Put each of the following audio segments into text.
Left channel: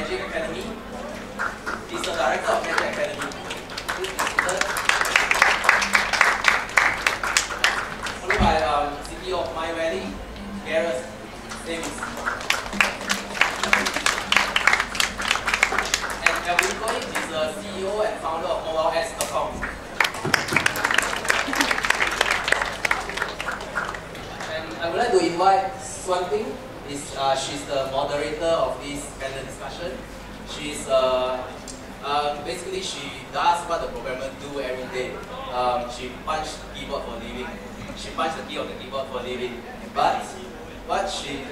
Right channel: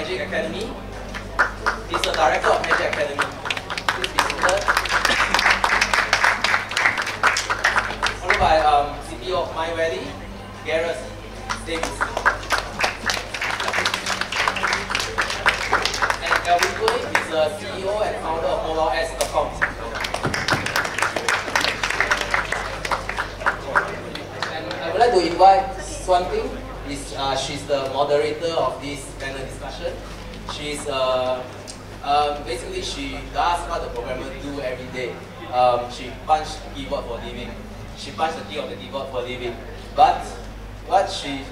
Magic Academy. He's the director of Magic Academy. Please be seated. Followed by CPO of MindValley, Gareth, Davies. And Alvin Koay is the CEO and founder of MobileAds.com. And I would like to invite Shuan. She's the moderator of this panel discussion. She's basically she does what the programmer do every day. She punches the keyboard for a living. She punches the key on the keyboard for a living. But what she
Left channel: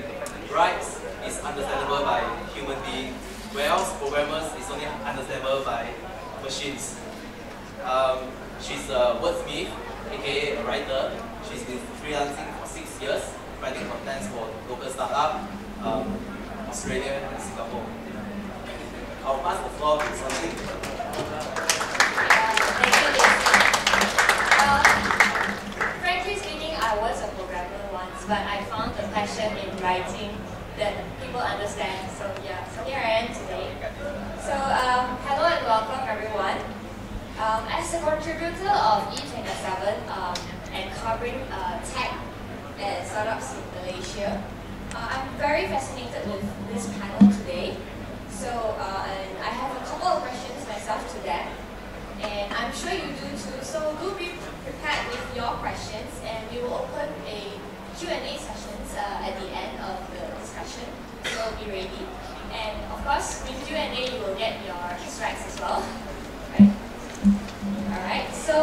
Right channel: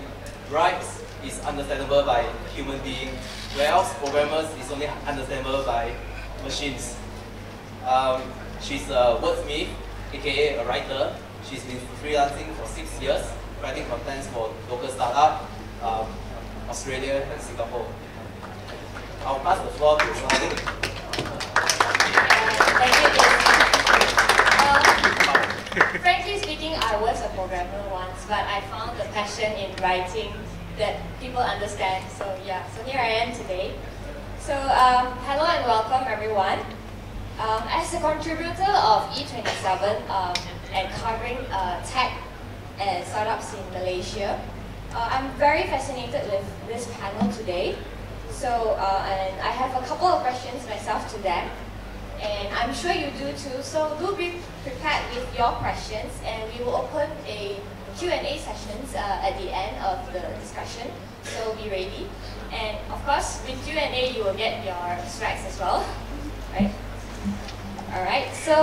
writes is understandable by human beings, whereas programmers is only understandable by machines. She's a wordsmith, aka a writer. She's been freelancing for 6 years, writing contents for local startup, Australia and Singapore. I'll pass the floor to Shuan. Thank you, Davies. Frankly speaking, I was a programmer once, but I found a passion in writing that people understand. So yeah, so here I am today. So hello and welcome everyone. As a contributor of E27 and covering tech and startups in Malaysia, I'm very fascinated with this panel today. So, and I have a couple of questions myself to them, and I'm sure you do too. So do be prepared with your questions, and we will open a Q&A sessions at the end of the discussion. So be ready. And of course, with Q&A, you will get your extracts as well, right? All right. So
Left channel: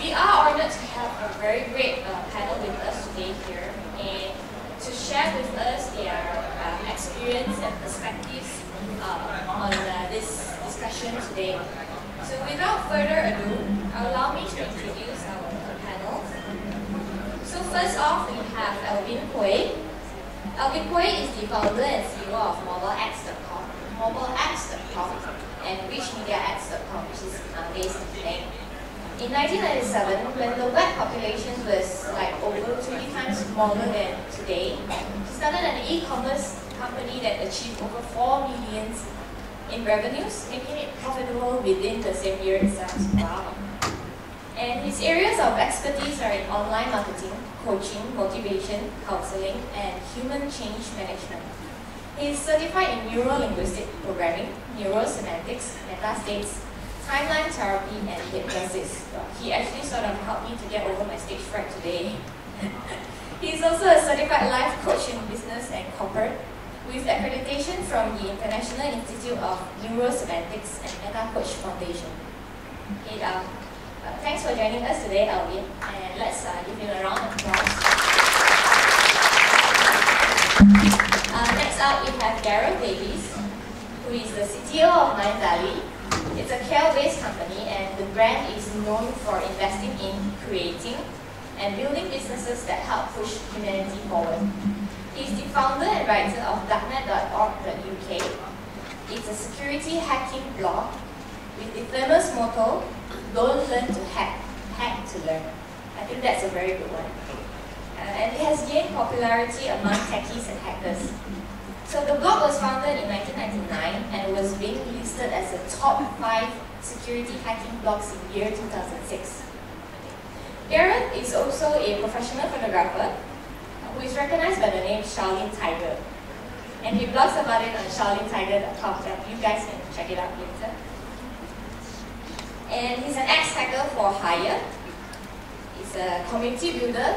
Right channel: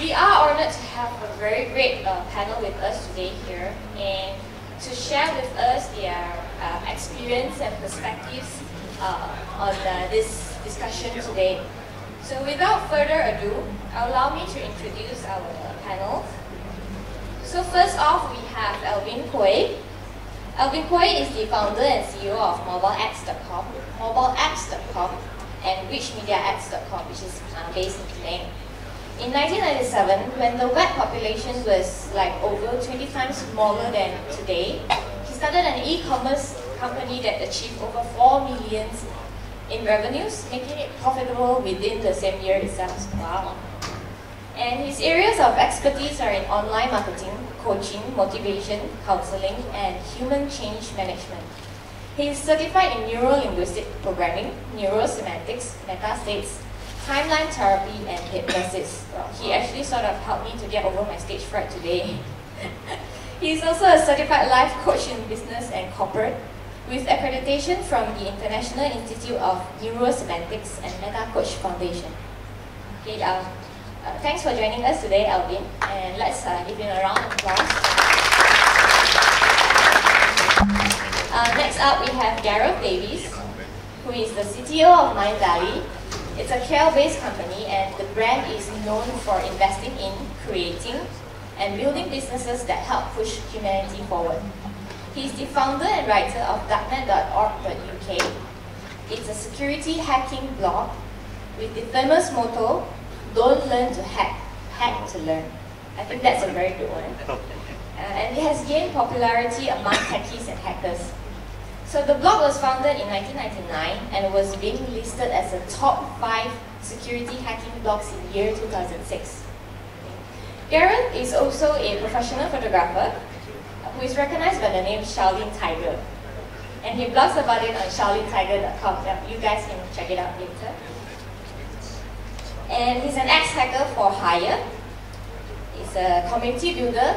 we are honored to have a very great panel with us today here, and to share with us their experience and perspectives on this discussion today. So without further ado, allow me to introduce our panel. So first off, we have Alvin Koay. Alvin Koay is the founder and CEO of MobileAds.com and RichMediaAds.com, which is based in Penang. In 1997, when the web population was like over 20 times smaller than today, he started an e-commerce company that achieved over 4 million in revenues, making it profitable within the same year itself. Wow. And his areas of expertise are in online marketing, coaching, motivation, counseling, and human change management. He is certified in neuro-linguistic programming, neurosemantics, meta-states, timeline therapy, and hypnosis. Well, he actually sort of helped me to get over my stage fright today. He is also a certified life coach in business and corporate, with accreditation from the International Institute of Neurosemantics and Meta Coach Foundation. Okay, thanks for joining us today, Alvin, and let's give him a round of applause. Next up, we have Gareth Davies, who is the CTO of MindValley. It's a Cher-based company, and the brand is known for investing in creating and building businesses that help push humanity forward. He's the founder and writer of darknet.org.uk. It's a security hacking blog with the famous motto, "Don't learn to hack, hack to learn." I think that's a very good one. And it has gained popularity among techies and hackers. So the blog was founded in 1999 and was being listed as a top 5 security hacking blogs in year 2006. Gareth is also a professional photographer who is recognized by the name Shaolin Tiger. And he blogs about it on shaolintiger.com. You guys can check it out later. And he's an ex-hacker for hire. He's a community builder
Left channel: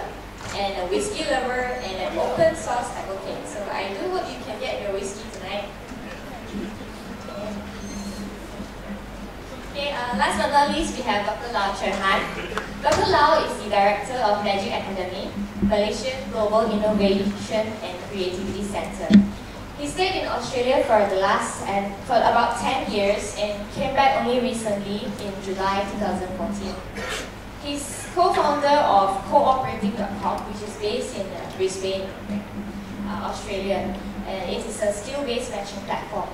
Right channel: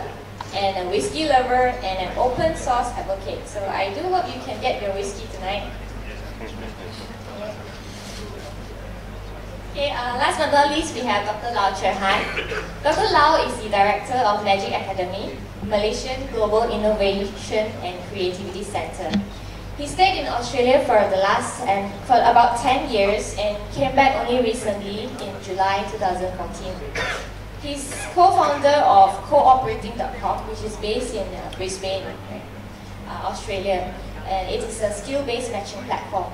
and a whiskey lover and an open source advocate. So I do hope you can get your whiskey tonight. Okay, last but not least, we have Dr. Cher. Dr. Lau is the director of Magic Academy, Malaysian Global Innovation and Creativity Center. He stayed in Australia for about 10 years and came back only recently in July 2014. He's co-founder of Cooperating.com, which is based in Brisbane, Australia, and it is a skill-based matching platform.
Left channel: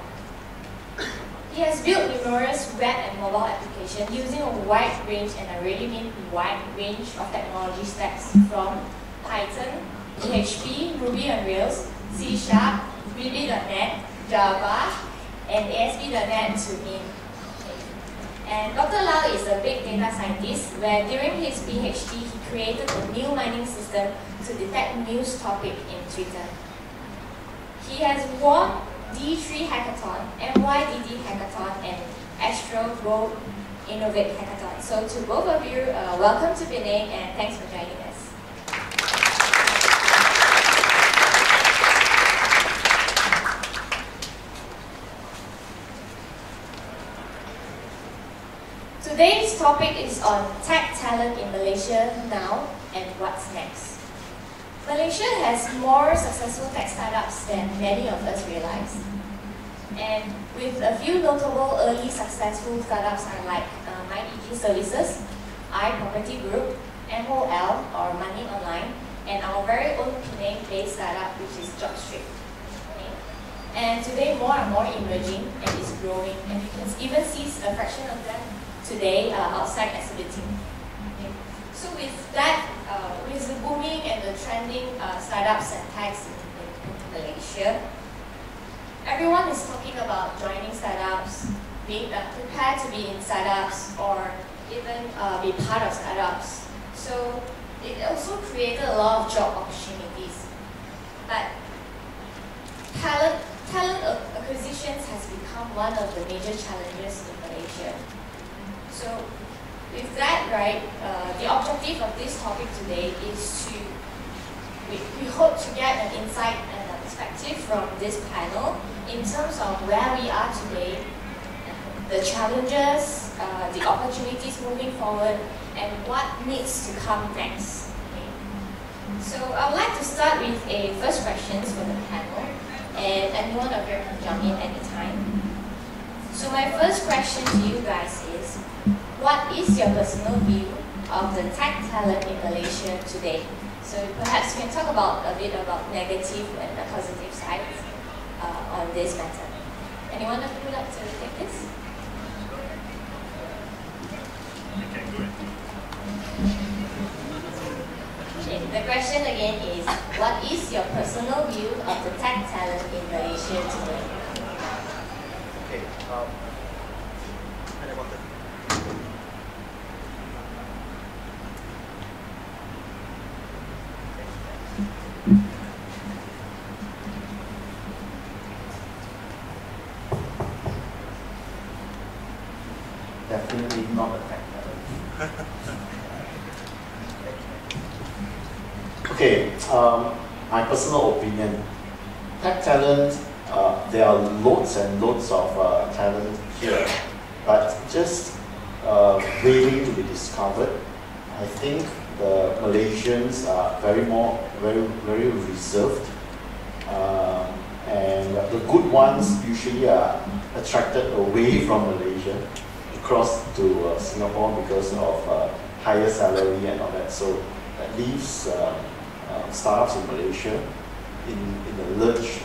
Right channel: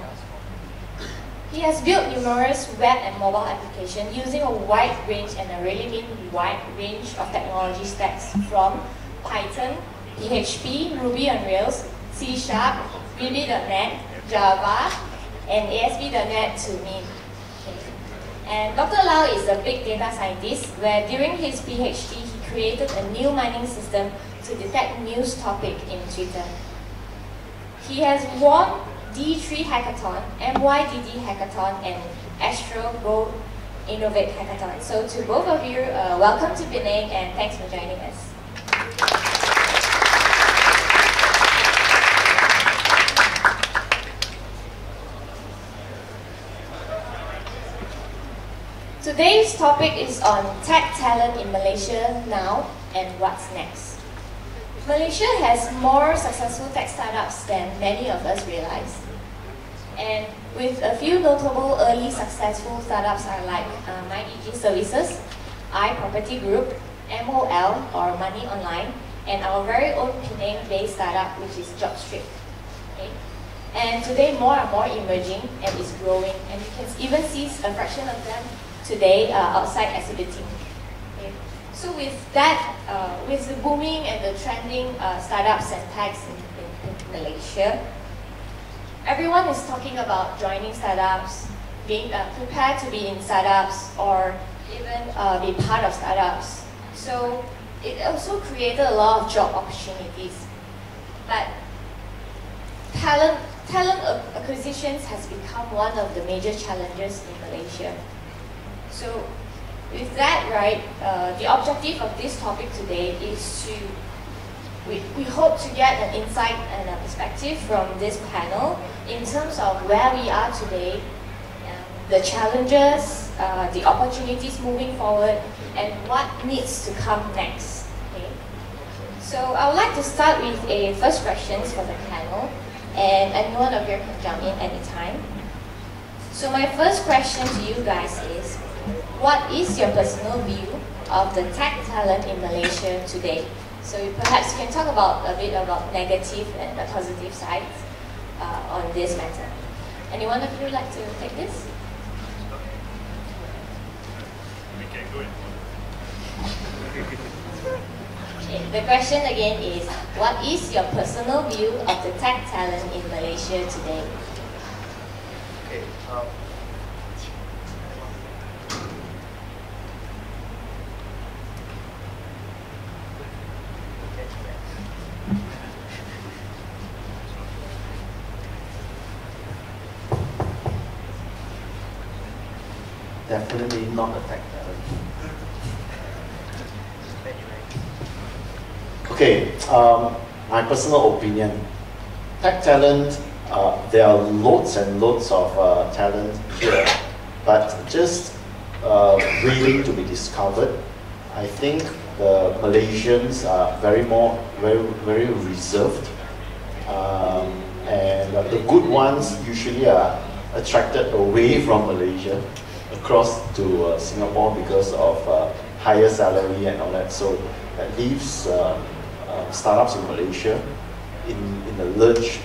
He has built numerous web and mobile applications using a wide range, and I really mean wide range of technology stacks from Python, PHP, Ruby on Rails, C#, VB.NET, Java, and ASP.NET to Mint. And Dr. Lau is a big data scientist where during his PhD he created a new mining system to detect news topic in Twitter. He has won D3 Hackathon, MYDD Hackathon, and Astro Go Innovate Hackathon. So to both of you, welcome to Penang and thanks for joining us. Today's topic is on tech talent in Malaysia now and what's next. Malaysia has more successful tech startups than many of us realize. And with a few notable early successful startups are like MindEG Services, iProperty Group, MOL or Money Online, and our very own Penang-based startup which is JobStreet. Okay? And today more and more emerging and is growing, and you can even see a fraction of them today outside exhibiting. Okay. So with that, with the booming and the trending startups and techs in Malaysia, everyone is talking about joining startups, being prepared to be in startups, or even be part of startups. So it also created a lot of job opportunities. But talent acquisitions has become one of the major challenges in Malaysia. So with that, right, the objective of this topic today is to, we hope to get an insight and a perspective from this panel in terms of where we are today, the challenges, the opportunities moving forward, and what needs to come next. Okay? So I would like to start with a first questions for the panel, and anyone of you can jump in anytime. So my first question to you guys is, what is your personal view of the tech talent in Malaysia today? So perhaps you can talk about a bit about negative and the positive sides on this matter. Anyone of you like to take this? Okay, go ahead. Okay, the question again is, what is your personal view of the tech talent in Malaysia today? Okay. Definitely not a tech talent. Okay, my personal opinion. Tech talent, there are loads and loads of talent here, but just waiting to be discovered. I think the Malaysians are very reserved, and the good ones usually are attracted away from Malaysia across to Singapore because of higher salary and all that. So that leaves startups in Malaysia in the lurch,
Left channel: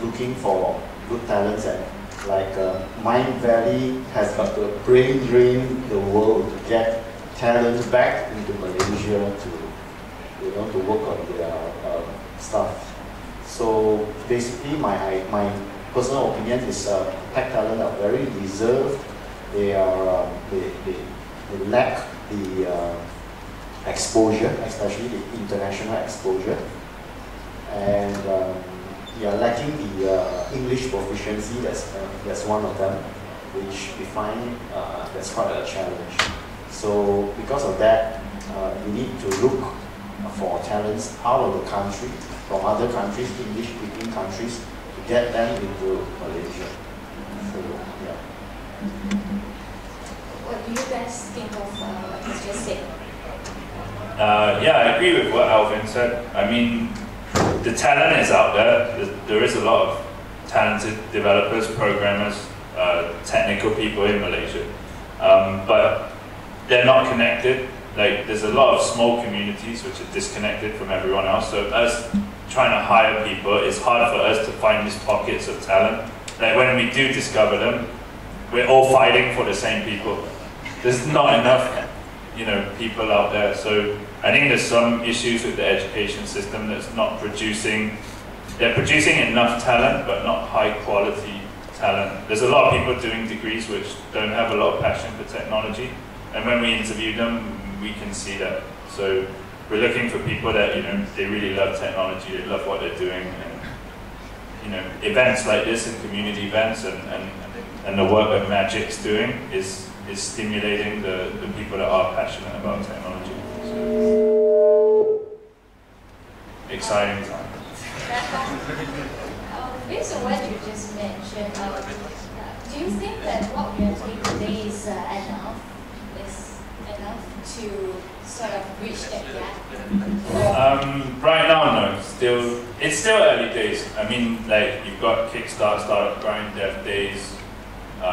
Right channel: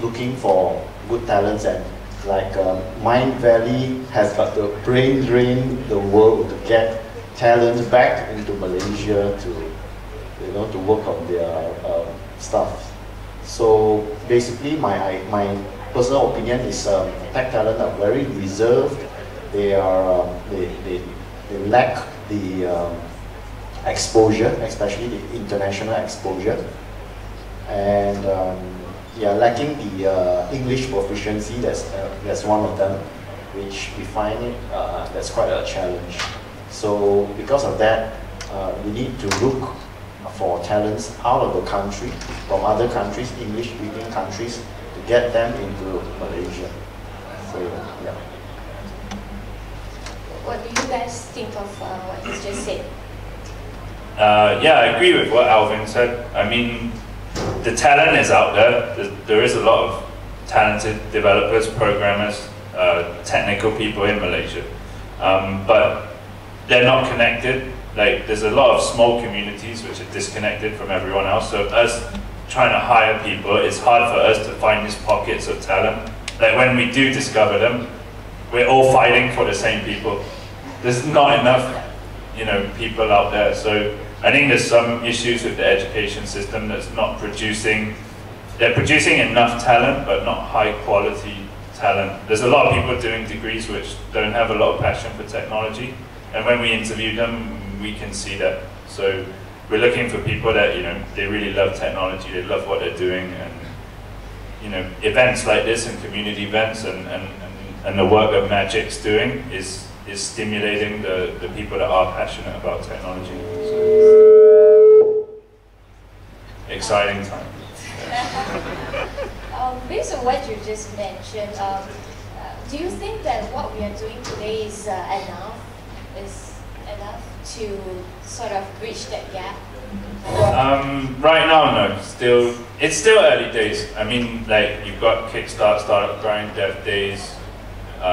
looking for good talents, and like MindValley has got to brain drain the world to get talent back into Malaysia to work on their stuff. So basically, my personal opinion is tech talent are very reserved. They are they lack the exposure, especially the international exposure, and lacking the English proficiency. That's one of them, which we find that's quite a challenge. So because of that, we need to look for talents out of the country, from other countries, English-speaking countries, to get them into Malaysia. So yeah. What do you guys think of what he's just said? Yeah, I agree with what Alvin said. I mean, the talent is out there. There is a lot of talented developers, programmers, technical people in Malaysia, but they're not connected. Like, there's a lot of small communities which are disconnected from everyone else. So us trying to hire people, it's hard for us to find these pockets of talent. Like, when we do discover them, we're all fighting for the same people. There's not enough, people out there. So I think there's some issues with the education system that's not producing they're producing enough talent, but not high quality talent. There's a lot of people doing degrees which don't have a lot of passion for technology, and when we interview them, we can see that. So we're looking for people that, you know, they really love technology, they love what they're doing, and, you know, events like this and community events and the work that Magic's doing is stimulating the people that are passionate about technology. So, exciting time. Based on what you just mentioned, do you think that what we are doing today is enough to sort of bridge that gap? Right now, no. It's still early days. I mean, like, you've got Kickstart, Startup Grind, Dev Days,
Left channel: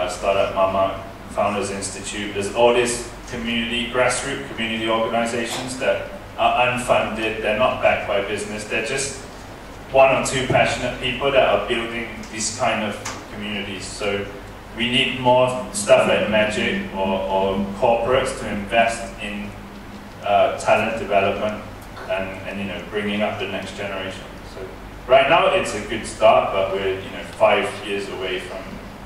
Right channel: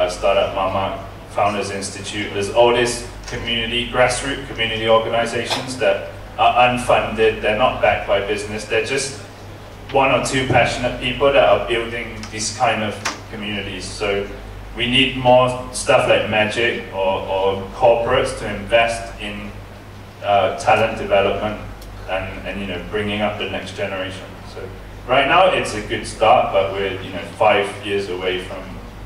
Startup Mama, Founders Institute. There's all these grassroots community organizations that are unfunded. They're not backed by business. They're just one or two passionate people that are building these kind of communities. So we need more stuff like Magic or corporates to invest in talent development and you know, bringing up the next generation. So right now it's a good start, but we're, you know, 5 years away from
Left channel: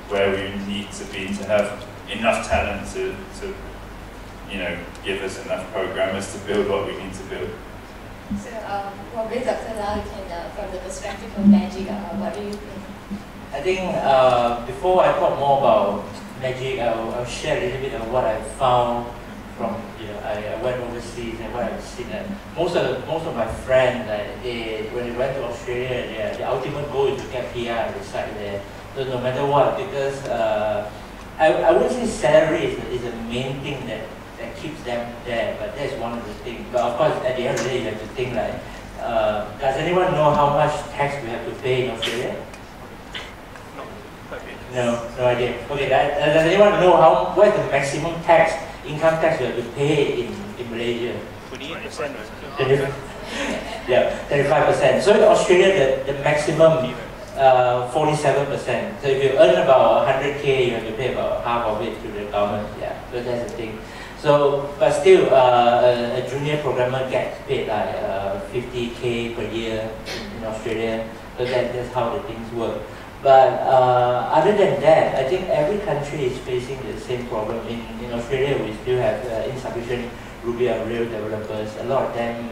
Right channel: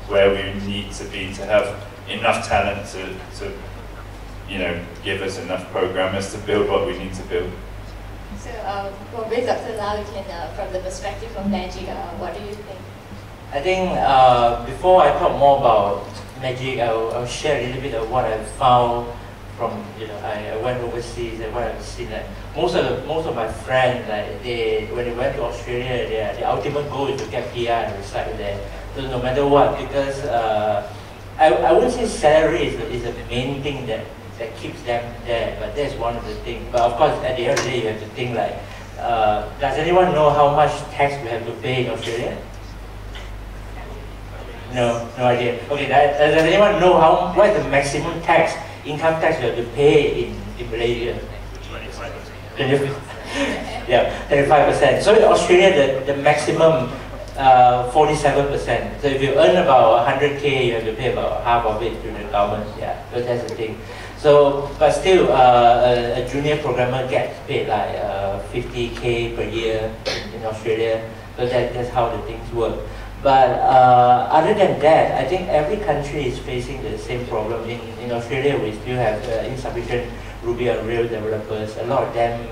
where we need to be to have enough talent to you know, give us enough programmers to build what we need to build. So, probably Dr. Lau, you can, from the perspective of Magic, what do you think? I think before I talk more about Magic, I'll share a little bit of what I found from, you know, I went overseas and what I've seen. That most of my friends, like when they went to Australia, their ultimate goal is to get PR and reside there. So no matter what, because I wouldn't say salary is the main thing that keeps them there, but that's one of the things. But of course, at the end of the day, you have to think like, does anyone know how much tax we have to pay in Australia? No idea. Okay, does anyone know what is the maximum income tax you have to pay in Malaysia? 25%. Yeah, 25%. So in Australia, the maximum 47%. So if you earn about 100K, you have to pay about half of it to the government. Yeah, so that's the thing. So, but still, a junior programmer gets paid like 50K per year in Australia. So that's how the things work. But other than that, I think every country is facing the same problem. In Australia, we still have insufficient Ruby on Rails developers. A lot of them,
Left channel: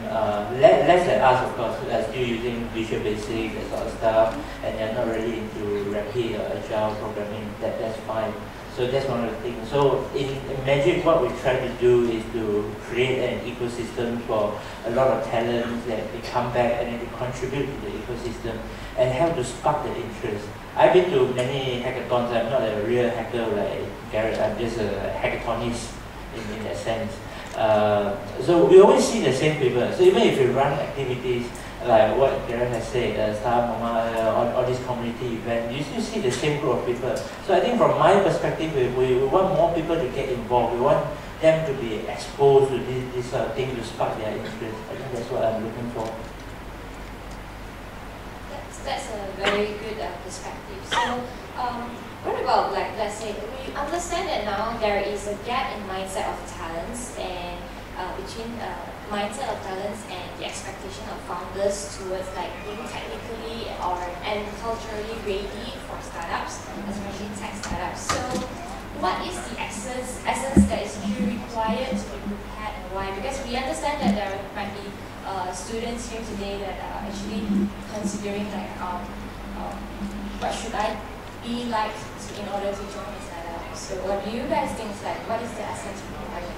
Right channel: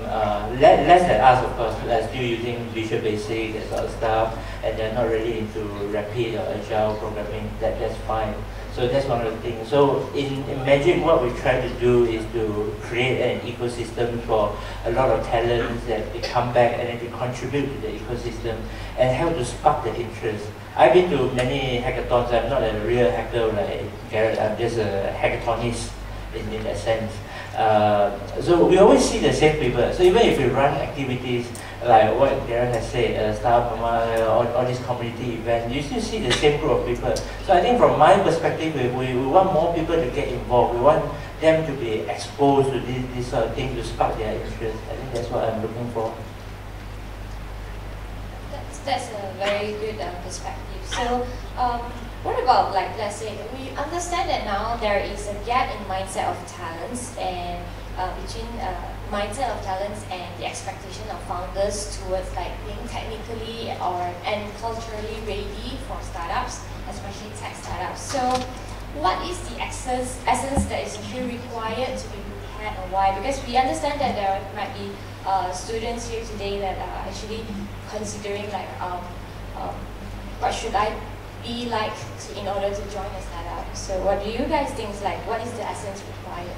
less than us, of course, are still using Visual Basic, that sort of stuff, and they're not really into rapid or agile programming. That's fine. So that's one of the things. So in Magic, what we try to do is to create an ecosystem for a lot of talents that they come back and then they contribute to the ecosystem and help to spark the interest. I've been to many hackathons. I'm not a real hacker like Gareth. I'm just a hackathonist in that sense. So we always see the same people. So even if we run activities like what Gareth has said, Startup Mama, all these community events, you still see the same group of people. So I think from my perspective, we want more people to get involved. We want them to be exposed to this sort of thing to spark their interest. I think that's what I'm looking for. That's a very good perspective. So, what about, like, let's say, we understand that now there is a gap in mindset of talents and between mindset of talents and the expectation of founders towards like being technically and culturally ready for startups, especially tech startups. So, what is the essence that is actually required to be prepared and why? Because we understand that there might be students here today that are actually considering like what should I be like in order to join a startup. So what do you guys think? Like, what is the essence required?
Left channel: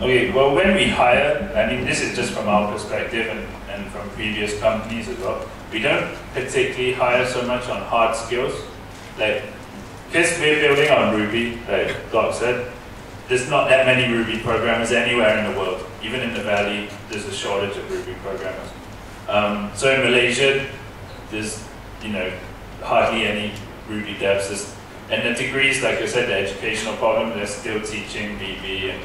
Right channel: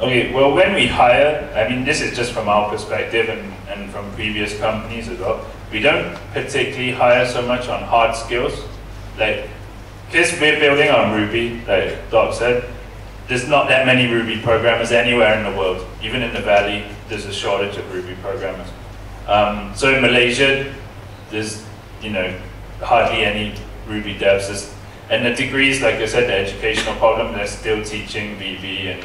Okay, well, when we hire, I mean, this is just from our perspective and from previous companies as well, we don't particularly hire so much on hard skills. Like, because we're building on Ruby, like Doc said, there's not that many Ruby programmers anywhere in the world. Even in the Valley, there's a shortage of Ruby programmers. So in Malaysia, there's, you know, hardly any Ruby devs. And the degrees, like I said, the educational problem, they're still teaching VB,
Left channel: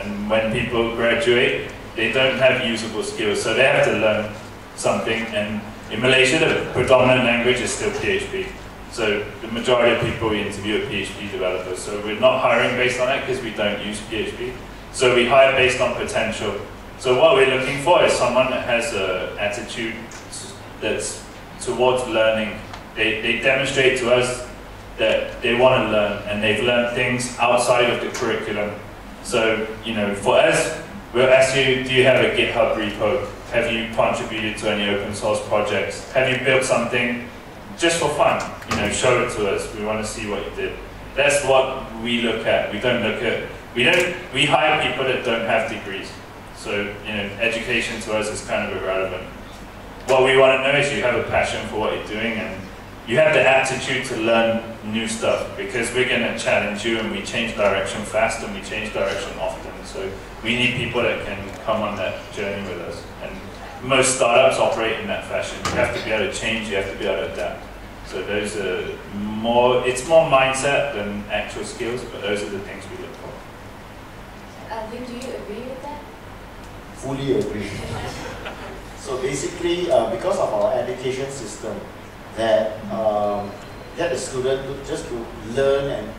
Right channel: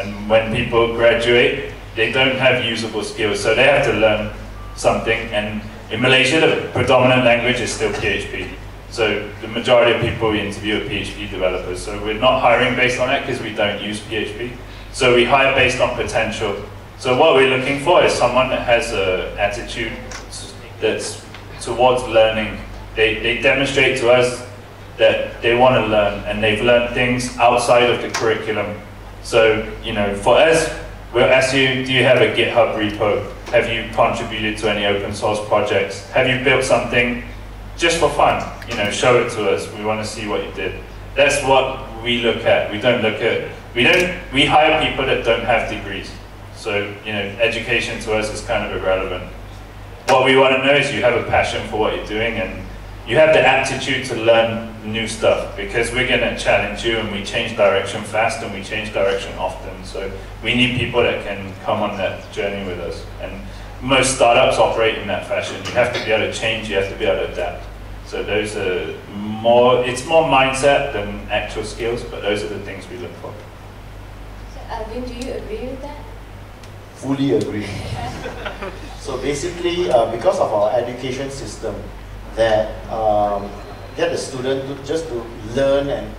and when people graduate, they don't have usable skills, so they have to learn something. And in Malaysia, the predominant language is still PHP. So the majority of people we interview are PHP developers. So we're not hiring based on that because we don't use PHP. So we hire based on potential. So what we're looking for is someone that has an attitude that's towards learning. They demonstrate to us that they want to learn, and they've learned things outside of the curriculum. So, you know, for us, we'll ask you, do you have a GitHub repo? Have you contributed to any open source projects? Have you built something just for fun? You know, show it to us. We want to see what you did. That's what we look at. We hire people that don't have degrees. So, you know, education to us is kind of irrelevant. What we want to know is you have a passion for what you're doing, and you have the aptitude to learn new stuff, because we're going to challenge you, and we change direction fast and we change direction often. So we need people that can come on that journey with us. And most startups operate in that fashion. You have to be able to change, you have to be able to adapt. So those are more, it's more mindset than actual skills, but those are the things we look for. So, Alvin, do you agree with that? Fully agree. So basically, because of our education system, that get the student to learn, and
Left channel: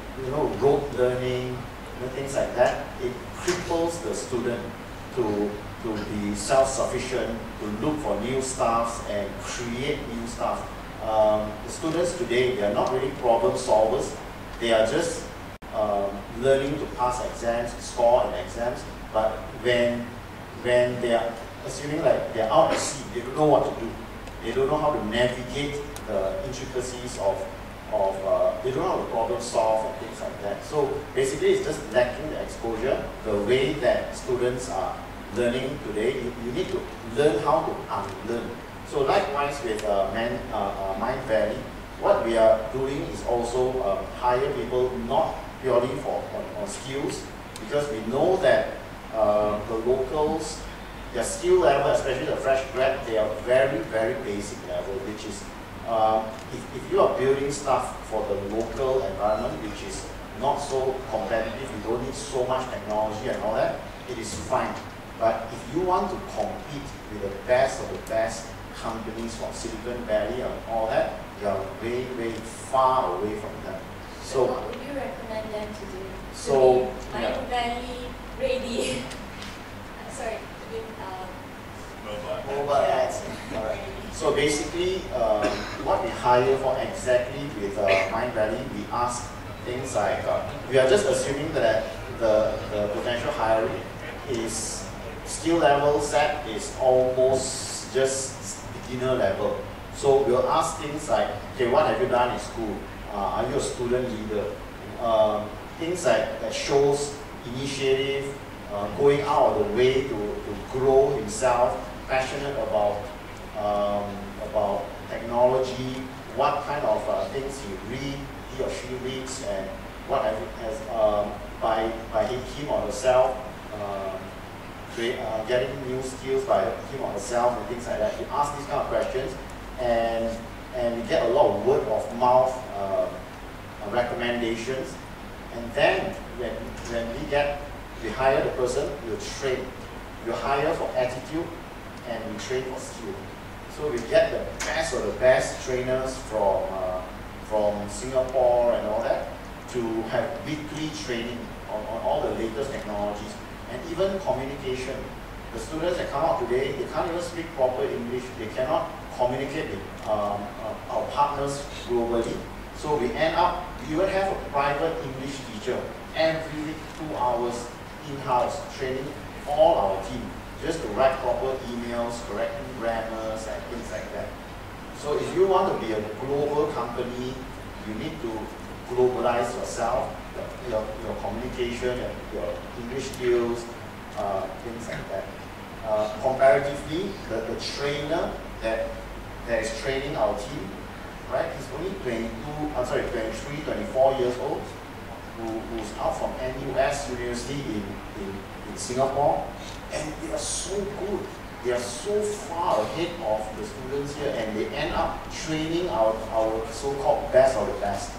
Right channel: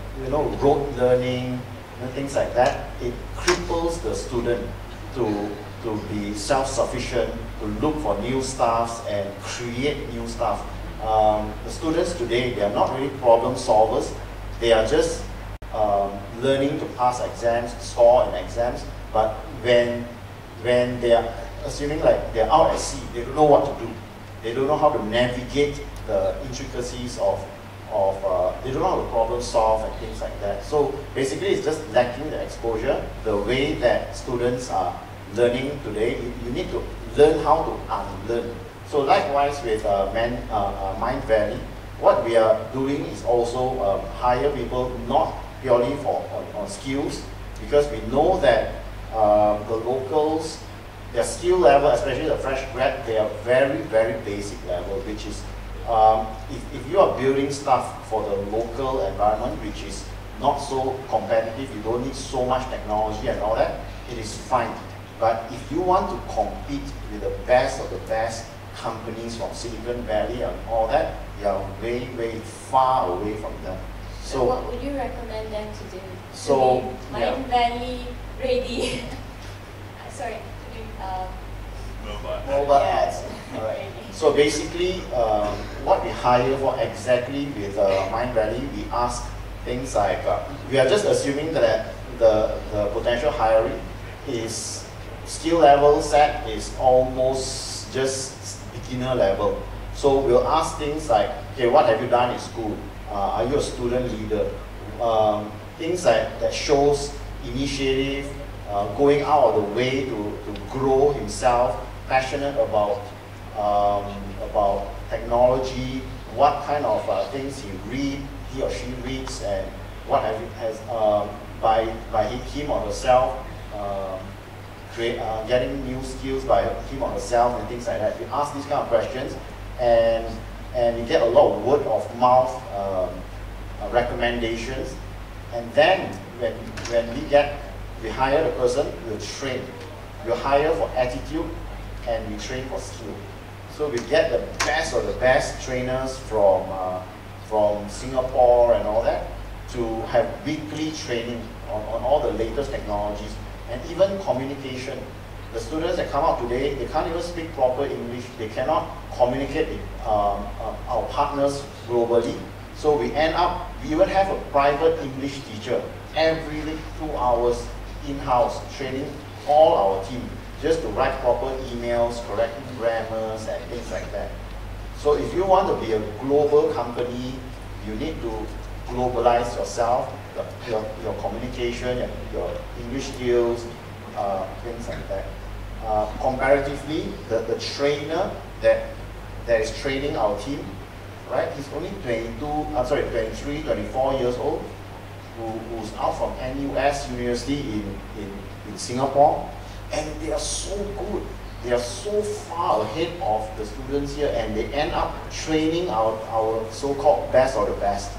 rote learning, things like that, it cripples the student to be self-sufficient, to look for new stuff and create new stuff. The students today, they are not really problem solvers. They are just learning to pass exams, score in exams. But when they are assuming like they're out at sea, they don't know what to do. They don't know how to navigate the intricacies of they don't know how to problem solve and things like that. So basically, it's just lacking the exposure. The way that students are learning today, you need to learn how to unlearn. So likewise with MindValley, what we are doing is also hire people not purely on skills, because we know that the locals, their skill level, especially the fresh grad, they are very, very basic level, which is if you are building stuff for the local environment, which is not so competitive, you don't need so much technology and all that, it is fine. But if you want to compete with the best of the best companies from Silicon Valley and all that, you are way, way far away from them. So what would you recommend them to do? So, MindValley ready. Sorry. Mobile ads. All right. So basically, what we hire for exactly with MindValley, we ask things like, we are just assuming that the potential hiree is skill level set is almost just beginner level. So we'll ask things like, okay, what have you done in school? Are you a student leader? Things like that shows initiative, going out of the way to grow himself, passionate about technology, what kind of things he or she reads, and what has by him or herself getting new skills by him or herself and things like that. We ask these kind of questions, and we get a lot of word of mouth recommendations, and then when we hire the person, we'll train. We'll hire for attitude, and we train for skill. So we get the best of the best trainers from Singapore and all that to have weekly training on all the latest technologies, and even communication. The students that come out today, they can't even speak proper English. They cannot communicate with our partners globally. So we even have a private English teacher every week, 2 hours in-house training all our team just to write proper emails, correct grammars and things like that. So if you want to be a global company, you need to globalize yourself, your communication and your English skills, things like that. Comparatively, the trainer that is training our team, right? He's only 23, 24 years old, who's out from NUS University in Singapore, and they are so good. They are so far ahead of the students here, and they end up training our so-called best of the best.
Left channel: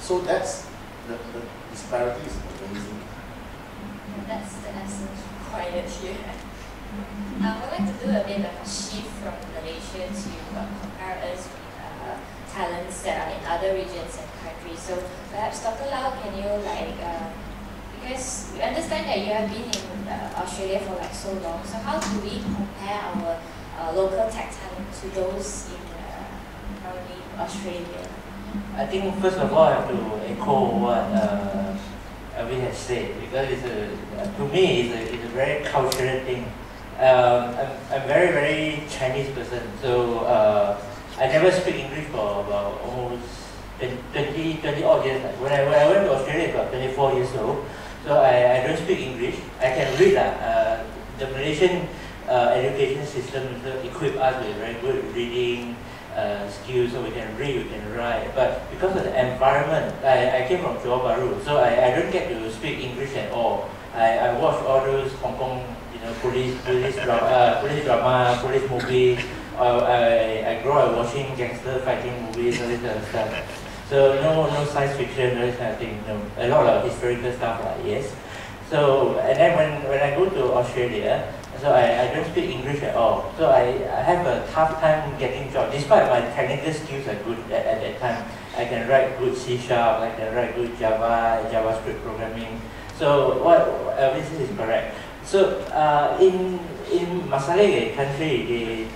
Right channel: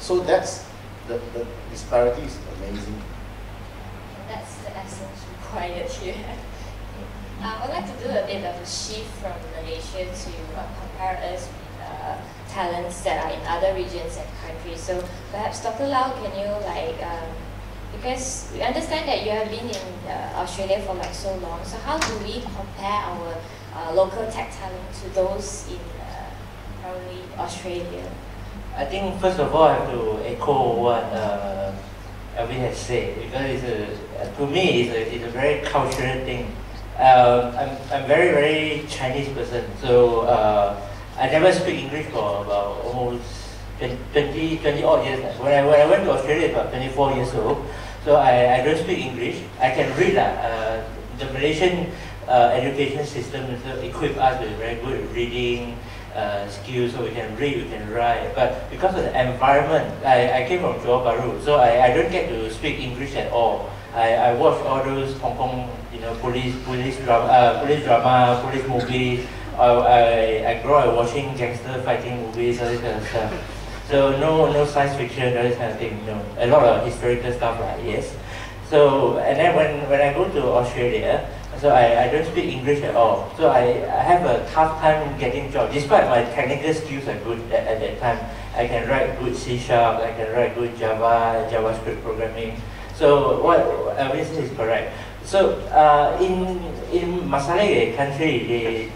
So that's the disparity is amazing. That's the essence required here. I would like to do a bit of a shift from Malaysia to compare us with talents that are in other regions and countries. So perhaps Dr. Lau, can you Because we understand that you have been in Australia for like so long. So how do we compare our local tech talent to those in probably Australia? I think first of all I have to echo what Alvin has said, because to me it's a very cultural thing. I'm very, very Chinese person, so I never speak English for about almost 20 odd years. When I went to Australia, about 24 years old, so I don't speak English. I can read. The Malaysian education system equip us with very good reading skills, so we can read, we can write. But because of the environment, I came from Johor Bahru, so I don't get to speak English at all. I watch all those Hong Kong, police drama, police movies. I grew up watching gangster fighting movies, all this kind of stuff. So no science fiction, all this kind of thing. No, a lot of historical stuff, yes. So and then when I go to Australia, so I don't speak English at all. So I have a tough time getting jobs. Despite my technical skills are good at that time, I can write good C#, I can write good JavaScript programming. So what Alvin says is correct. So in Malaysia country,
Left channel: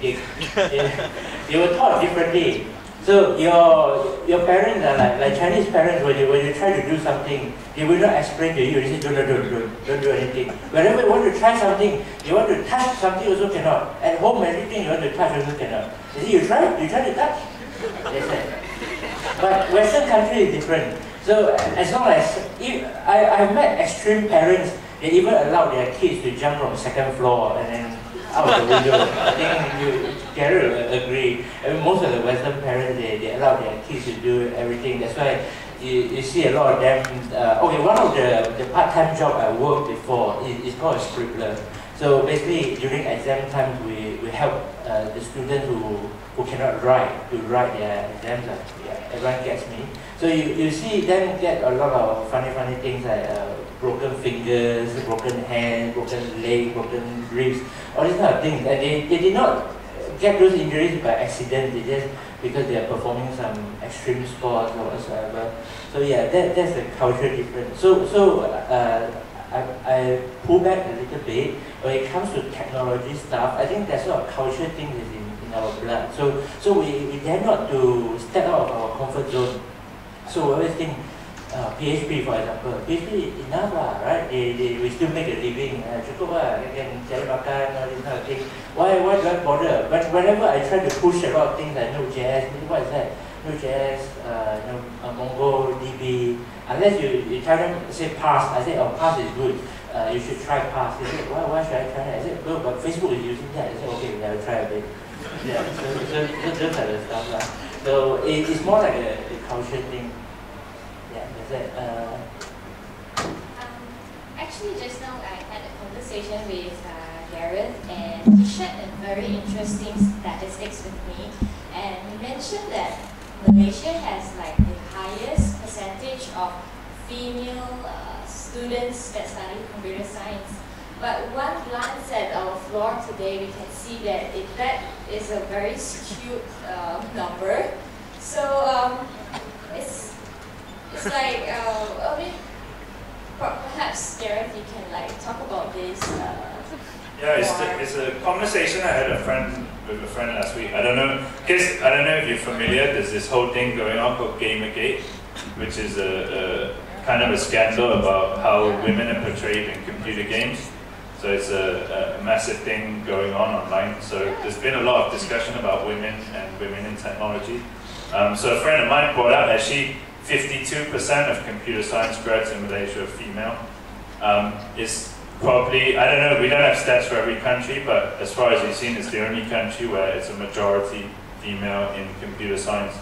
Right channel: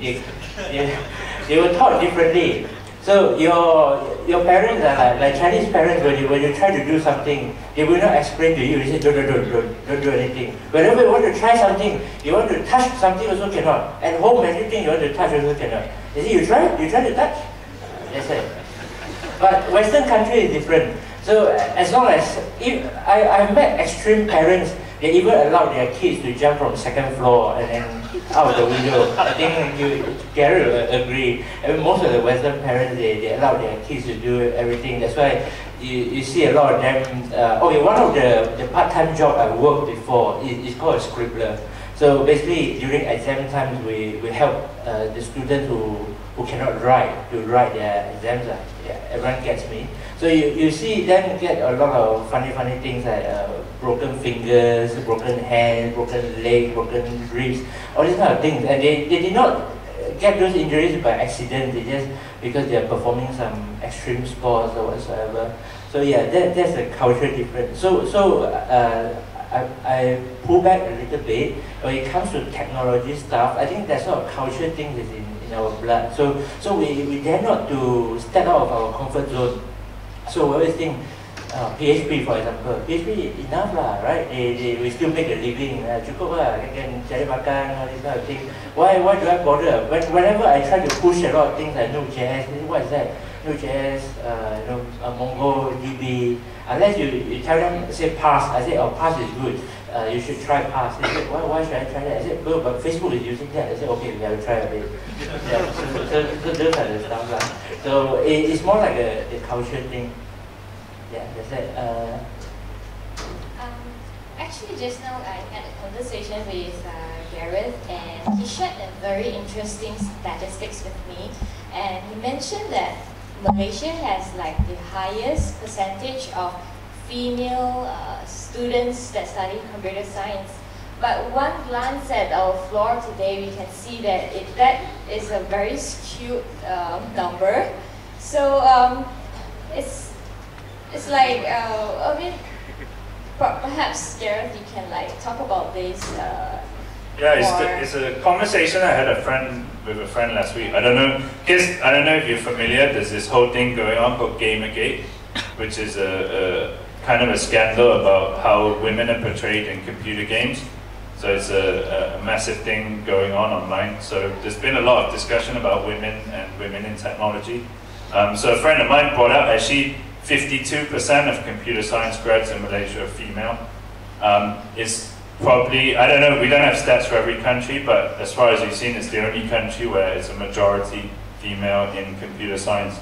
they were taught differently. So your parents are like Chinese parents. When you try to do something, they will not explain to you. They say don't do anything. Whenever you want to try something, you want to touch something also cannot. At home, everything you want to touch also cannot. You see, you try to touch. That's it. But Western country is different. So as long as I've met extreme parents, they even allow their kids to jump from second floor and then out the window. I think Gareth will agree. I mean, most of the Western parents, they allow their kids to do everything. That's why you see a lot of them. Okay, one of the part-time job I worked before is called a scribbler. So basically, during exam time, we help the students who cannot write to write their exams. Yeah, everyone gets me. So you see them get a lot of funny things like broken fingers, broken hands, broken legs, broken wrists, all these kind of things. And they did not get those injuries by accident. They just because they are performing some extreme sports or whatsoever. So yeah, that's a cultural difference. So I pull back a little bit. When it comes to technology stuff, I think that sort of cultural thing is in our blood. So we dare not to step out of our comfort zone. So we always think, PHP for example, PHP enough lah, right? We still make a living, cukup lah, can cari makan, all this kind of thing. Why do I bother? Whenever I try to push a lot of things like Node.js, what is that? Node.js, MongoDB. Unless you tell them, say Parse, I say, oh, Parse is good. You should try Parse. They say, why should I try that? I said, well, but Facebook is using that. I said, okay, we have to try a bit. Yeah, so those kind of stuff lah. So it's more like a culture thing. Yeah, that's it. Actually, just now I had a conversation with Gareth, and he shared a very interesting statistics with me. And he mentioned that Malaysia has like the highest percentage of female students that study computer science. But one glance at our floor today, we can see that that is a very skewed number. So it's like a bit. Perhaps Gareth, you can like talk about this. Yeah, it's a conversation I had with a friend last week. I don't know if you're familiar. There's this whole thing going on called Gamergate, which is a kind of a scandal about how women are portrayed in computer games. So it's a massive thing going on online. So there's been a lot of discussion about women and women in technology. So a friend of mine brought up actually 52% of computer science grads in Malaysia are female. It's probably, I don't know, we don't have stats for every country, but as far as we've seen, it's the only country where it's a majority female in computer science.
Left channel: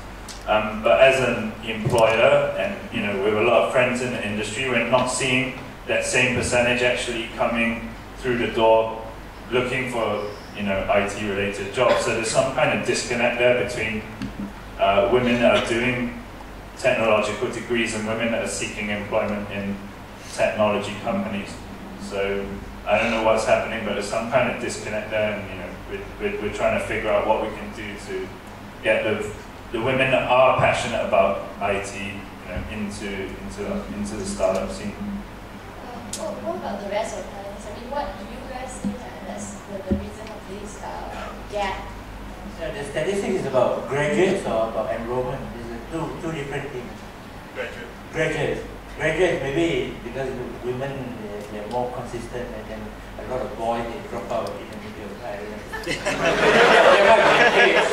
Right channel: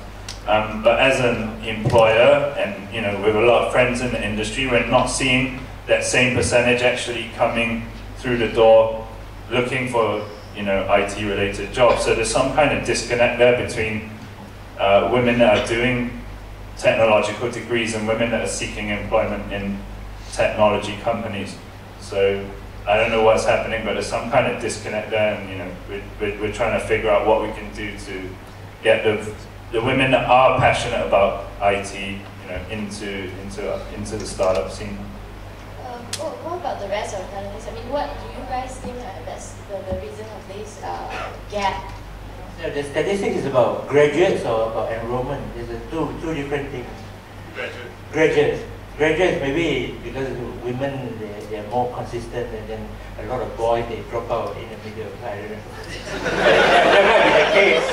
But as an employer, and with a lot of friends in the industry, we're not seeing that same percentage actually coming through the door looking for IT-related jobs. So there's some kind of disconnect there between women that are doing technological degrees and women that are seeking employment in technology companies. So I don't know what's happening, but there's some kind of disconnect there, and we're trying to figure out what we can do to get the women that are passionate about IT, into the startup scene. about the rest of the panelists? I mean, what do you guys think that's the reason of this gap? Yeah, the statistics is about graduates or about enrollment. There's two different things. Graduates maybe because women they are more consistent, and then a lot of boys they drop out in the middle. I don't know. That might be the case.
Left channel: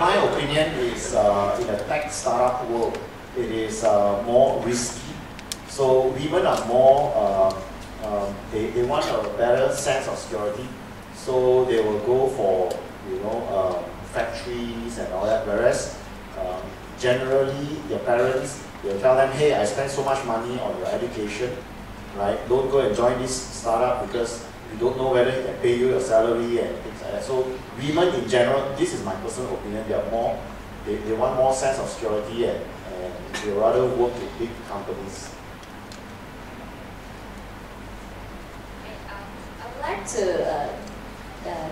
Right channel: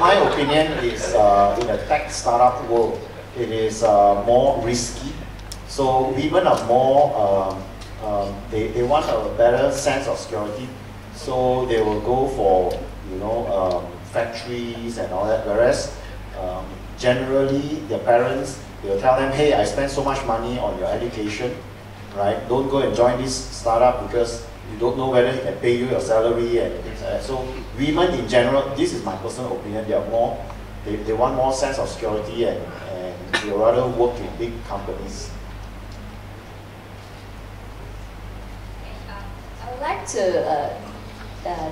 My opinion is in a tech startup world, it is more risky. So women are more, they want a better sense of security. So they will go for, factories and all that. Whereas generally their parents, they'll tell them, hey, I spent so much money on your education, right? Don't go and join this startup because you don't know whether he can pay you your salary and things like that. So women in general, this is my personal opinion, they are more, they want more sense of security and they rather work with big companies. I would like to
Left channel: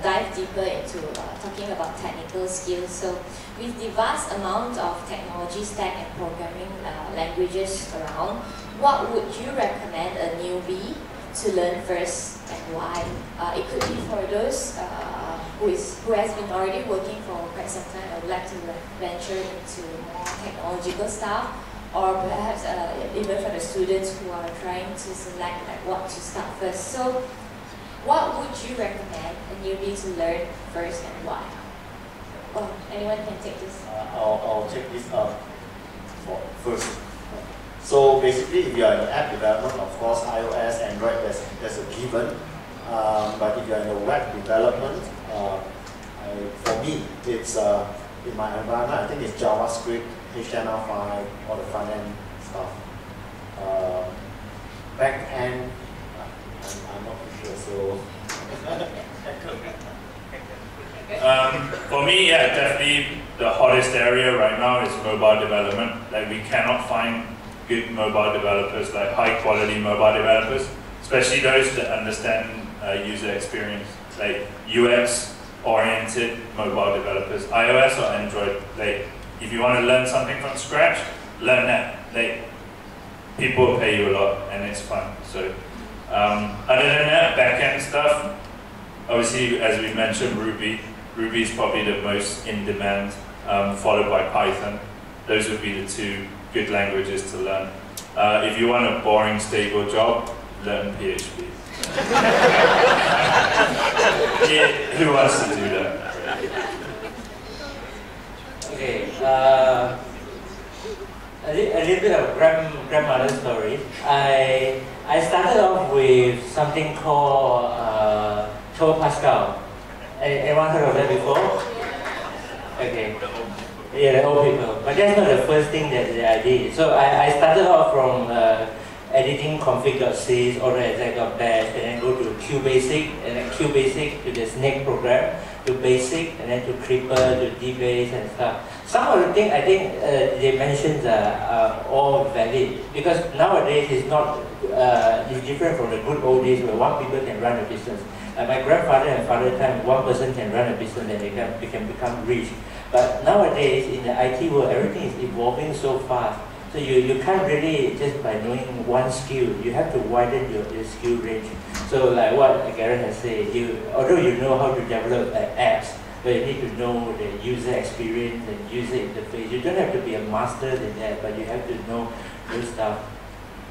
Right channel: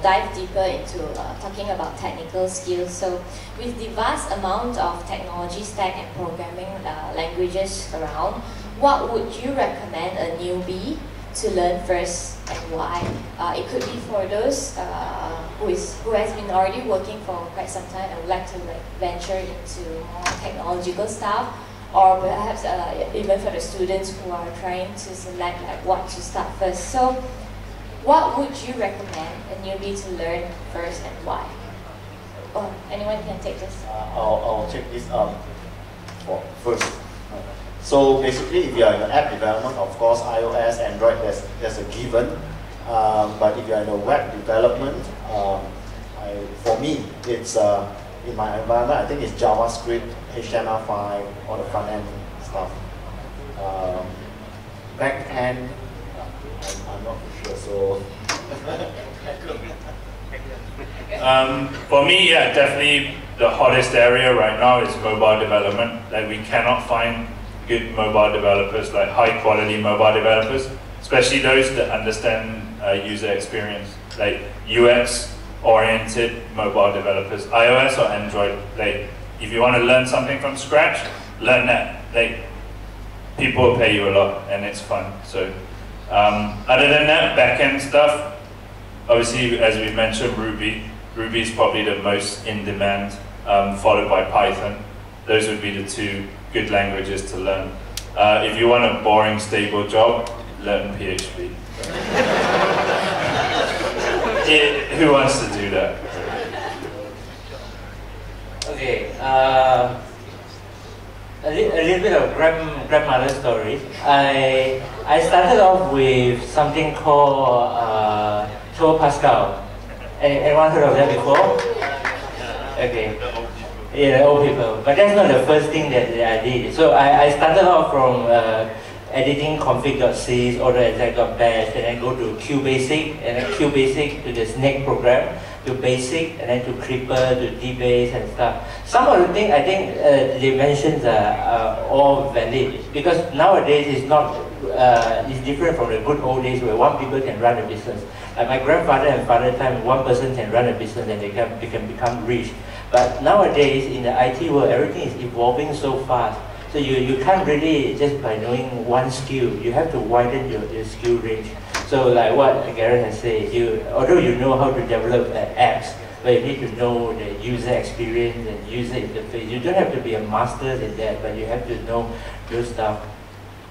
dive deeper into talking about technical skills. So with the vast amount of technology stack and programming languages around, what would you recommend a newbie to learn first and why? It could be for those who has been already working for quite some time and would like to venture into more technological stuff, or perhaps even for the students who are trying to select what to start first. So what would you recommend a newbie to learn first and why? Oh, anyone can take this? I'll take this first. So basically, if you are in the app development, of course, iOS, Android, there's a given. But if you are in the web development, for me, it's in my environment, I think it's JavaScript, HTML5, all the front end stuff. Back end, I'm not sure. So. For me, yeah, definitely the hottest area right now is mobile development. Like, we cannot find good mobile developers, like high quality mobile developers, especially those that understand user experience, like UX oriented mobile developers, iOS or Android. Like, if you want to learn something from scratch, learn that. Like, people will pay you a lot and it's fun. So other than that, back-end stuff, obviously, as we mentioned, Ruby is probably the most in demand, followed by Python. Those would be the two good languages to learn. If you want a boring, stable job, learn PHP. Yeah, who wants to do that? Okay, a little bit of grandmother story. I started off with something called Turbo Pascal. Anyone heard of that before? Okay. Yeah, the old people. But that's not the first thing that I did. So I started off from editing config.c, autoexec.bash, and then go to QBasic, and then QBasic to the snake program, to basic, and then to creeper, to dbase and stuff. Some of the things I think they mentioned are all valid, because nowadays it's not, it's different from the good old days where one people can run a business. Like my grandfather and father time, one person can run a business and they can become rich. But nowadays in the IT world, everything is evolving so fast. So you can't really, just by knowing one skill, you have to widen your skill range. So like what Gareth has said, although you know how to develop apps, but you need to know the user experience and user interface. You don't have to be a master in that, but you have to know those stuff.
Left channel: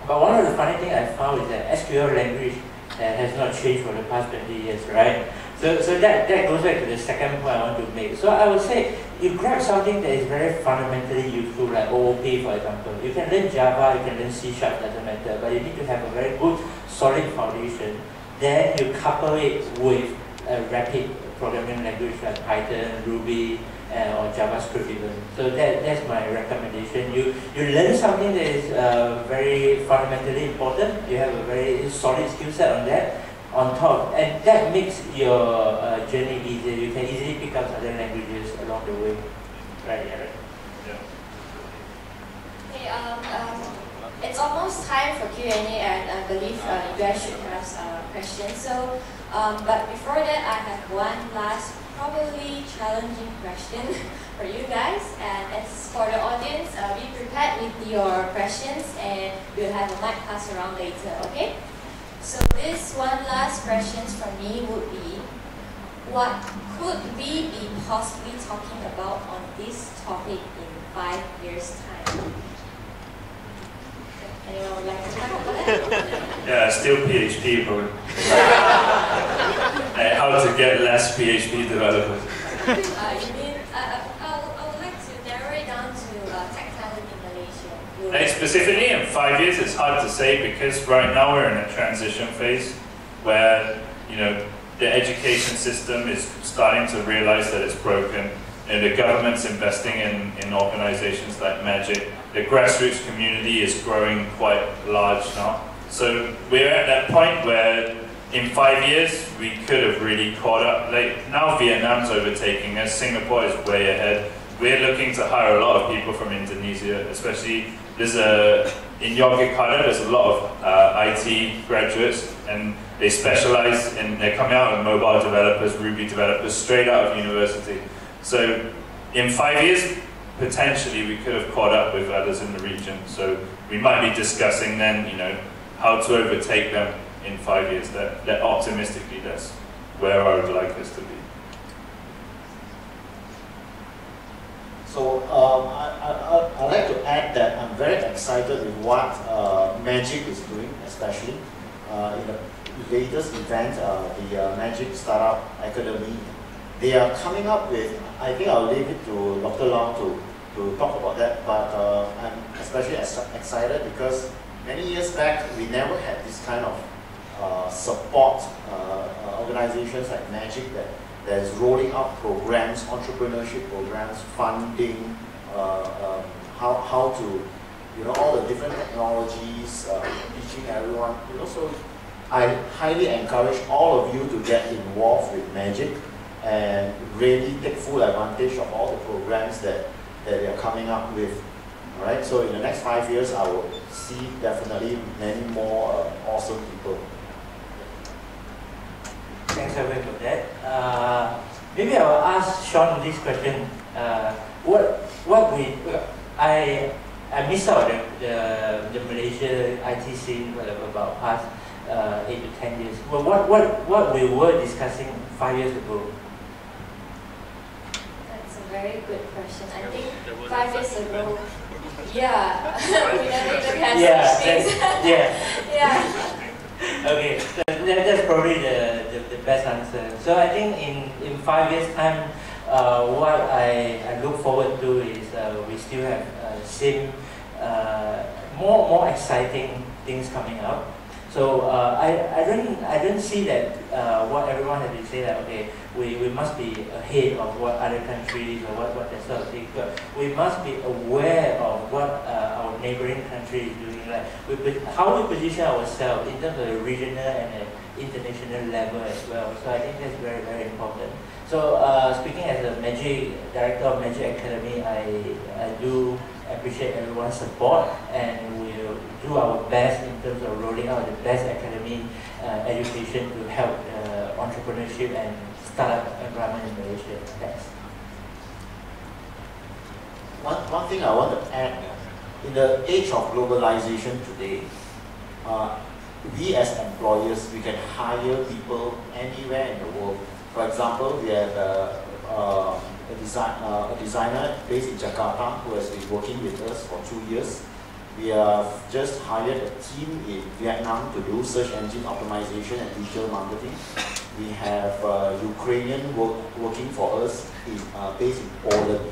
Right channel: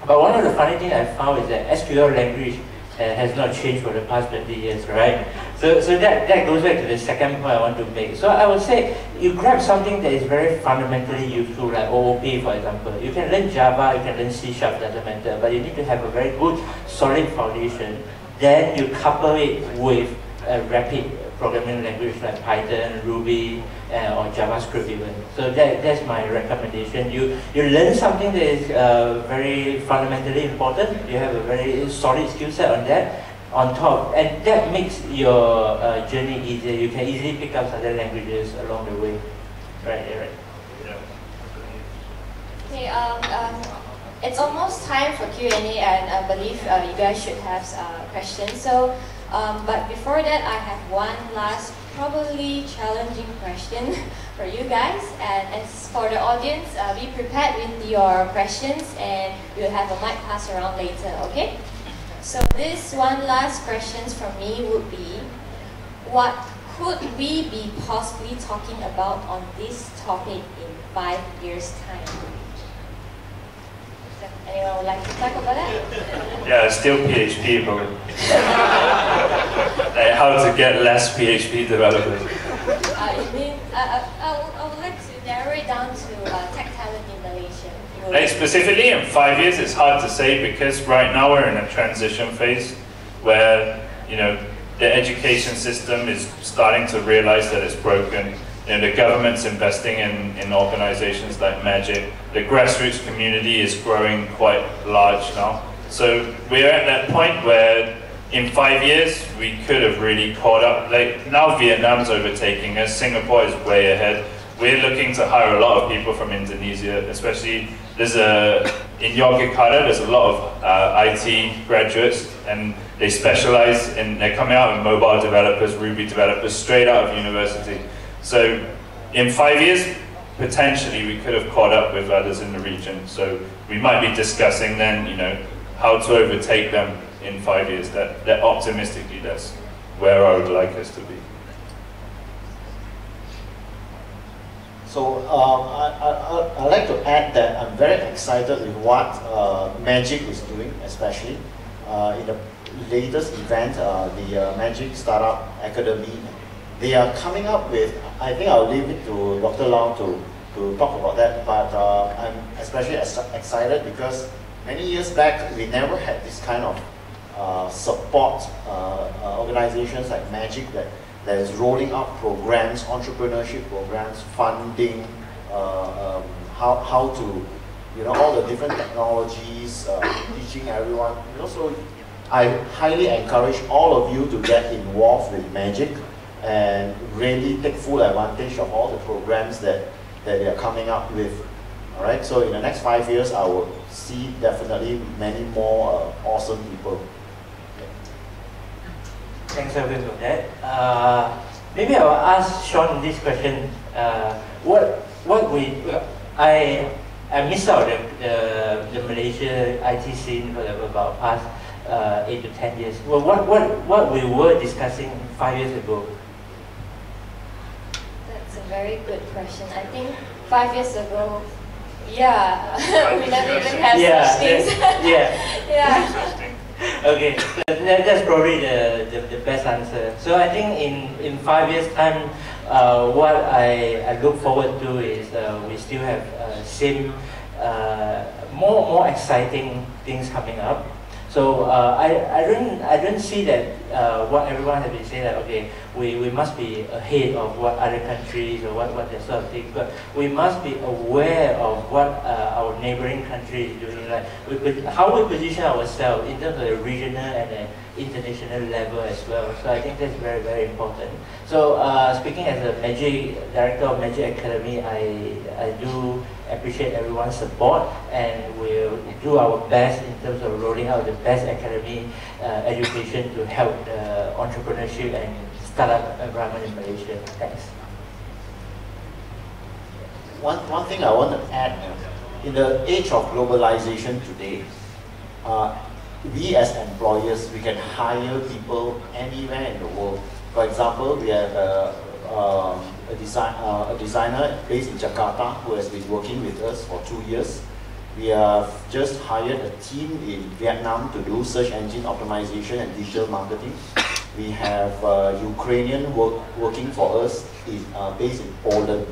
But one of the funny things I found is that SQL language has not changed for the past 20 years, right? So that goes back to the second point I want to make. So I would say you grab something that is very fundamentally useful, like OOP, for example. You can learn Java, you can learn C#, doesn't matter, but you need to have a very good, solid foundation. Then you couple it with a rapid programming language like Python, Ruby, or JavaScript even. So that's my recommendation. You learn something that is very fundamentally important. You have a very solid skill set on that, on top, and that makes your journey easier. You can easily pick up other languages along the way. Right, yeah, right. Okay, it's almost time for Q&A, and I believe you guys should have questions. So But before that, I have one last, probably challenging question for you guys. And as for the audience, be prepared with your questions and we'll have a mic pass around later, okay? So this one last question from me would be, what could we be possibly talking about on this topic in 5 years' time? Anyone would like to talk about that? Yeah, still PHP, but how to get less PHP developers. You mean, I would like to narrow it down to tech talent in Malaysia. Like specifically in 5 years, it's hard to say because right now we're in a transition phase where, you know, the education system is starting to realize that it's broken. You know, the government's investing in organizations like Magic. The grassroots community is growing quite large now. So we're at that point where in 5 years, we could have really caught up. Like now Vietnam's overtaking us, Singapore is way ahead. We're looking to hire a lot of people from Indonesia, especially in Yogyakarta, there's a lot of IT graduates and they specialize they're coming out as mobile developers, Ruby developers, straight out of university. So in 5 years, potentially we could have caught up with others in the region. So we might be discussing then, you know, how to overtake them in 5 years. That optimistically, that's where I would like us to be. So I'd like to add that I'm very excited with what Magic is doing, especially in the latest event, the Magic Startup Academy. They are coming up with, I think I'll leave it to Dr. Lau to talk about that, but I'm especially excited because many years back, we never had this kind of support organizations like Magic that is rolling out programs, entrepreneurship programs, funding, how to, you know, all the different technologies, teaching everyone. You know, so I highly encourage all of you to get involved with Magic and really take full advantage of all the programs that they are coming up with. All right. So in the next 5 years, I will see definitely many more awesome people. Thanks, Alvin, for that. Maybe I will ask Shuan this question. I missed out the Malaysia IT scene for about past 8 to 10 years. Well, what we were discussing 5 years ago? That's a very good question. I think 5 years ago, yeah, we never even had such things. Yeah. Okay, that's probably the best answer. So I think in 5 years' time, what I look forward to is we still have same more exciting things coming up. So I don't see that what everyone has been saying that okay we must be ahead of what other countries or what that sort of thing, but we must be aware of what our neighboring country is doing, like how we position ourselves in terms of the regional and the international level as well. So I think that's very, very important. So speaking as a director of Magic Academy, I do appreciate everyone's support and we'll do our best in terms of rolling out the best academy education to help the entrepreneurship and startup environment in Malaysia. Thanks. One thing I want to add, in the age of globalization today, we as employers, we can hire people anywhere in the world. For example, we have a designer based in Jakarta who has been working with us for 2 years. We have just hired a team in Vietnam to do search engine optimization and digital marketing. We have Ukrainian working for us based in Poland.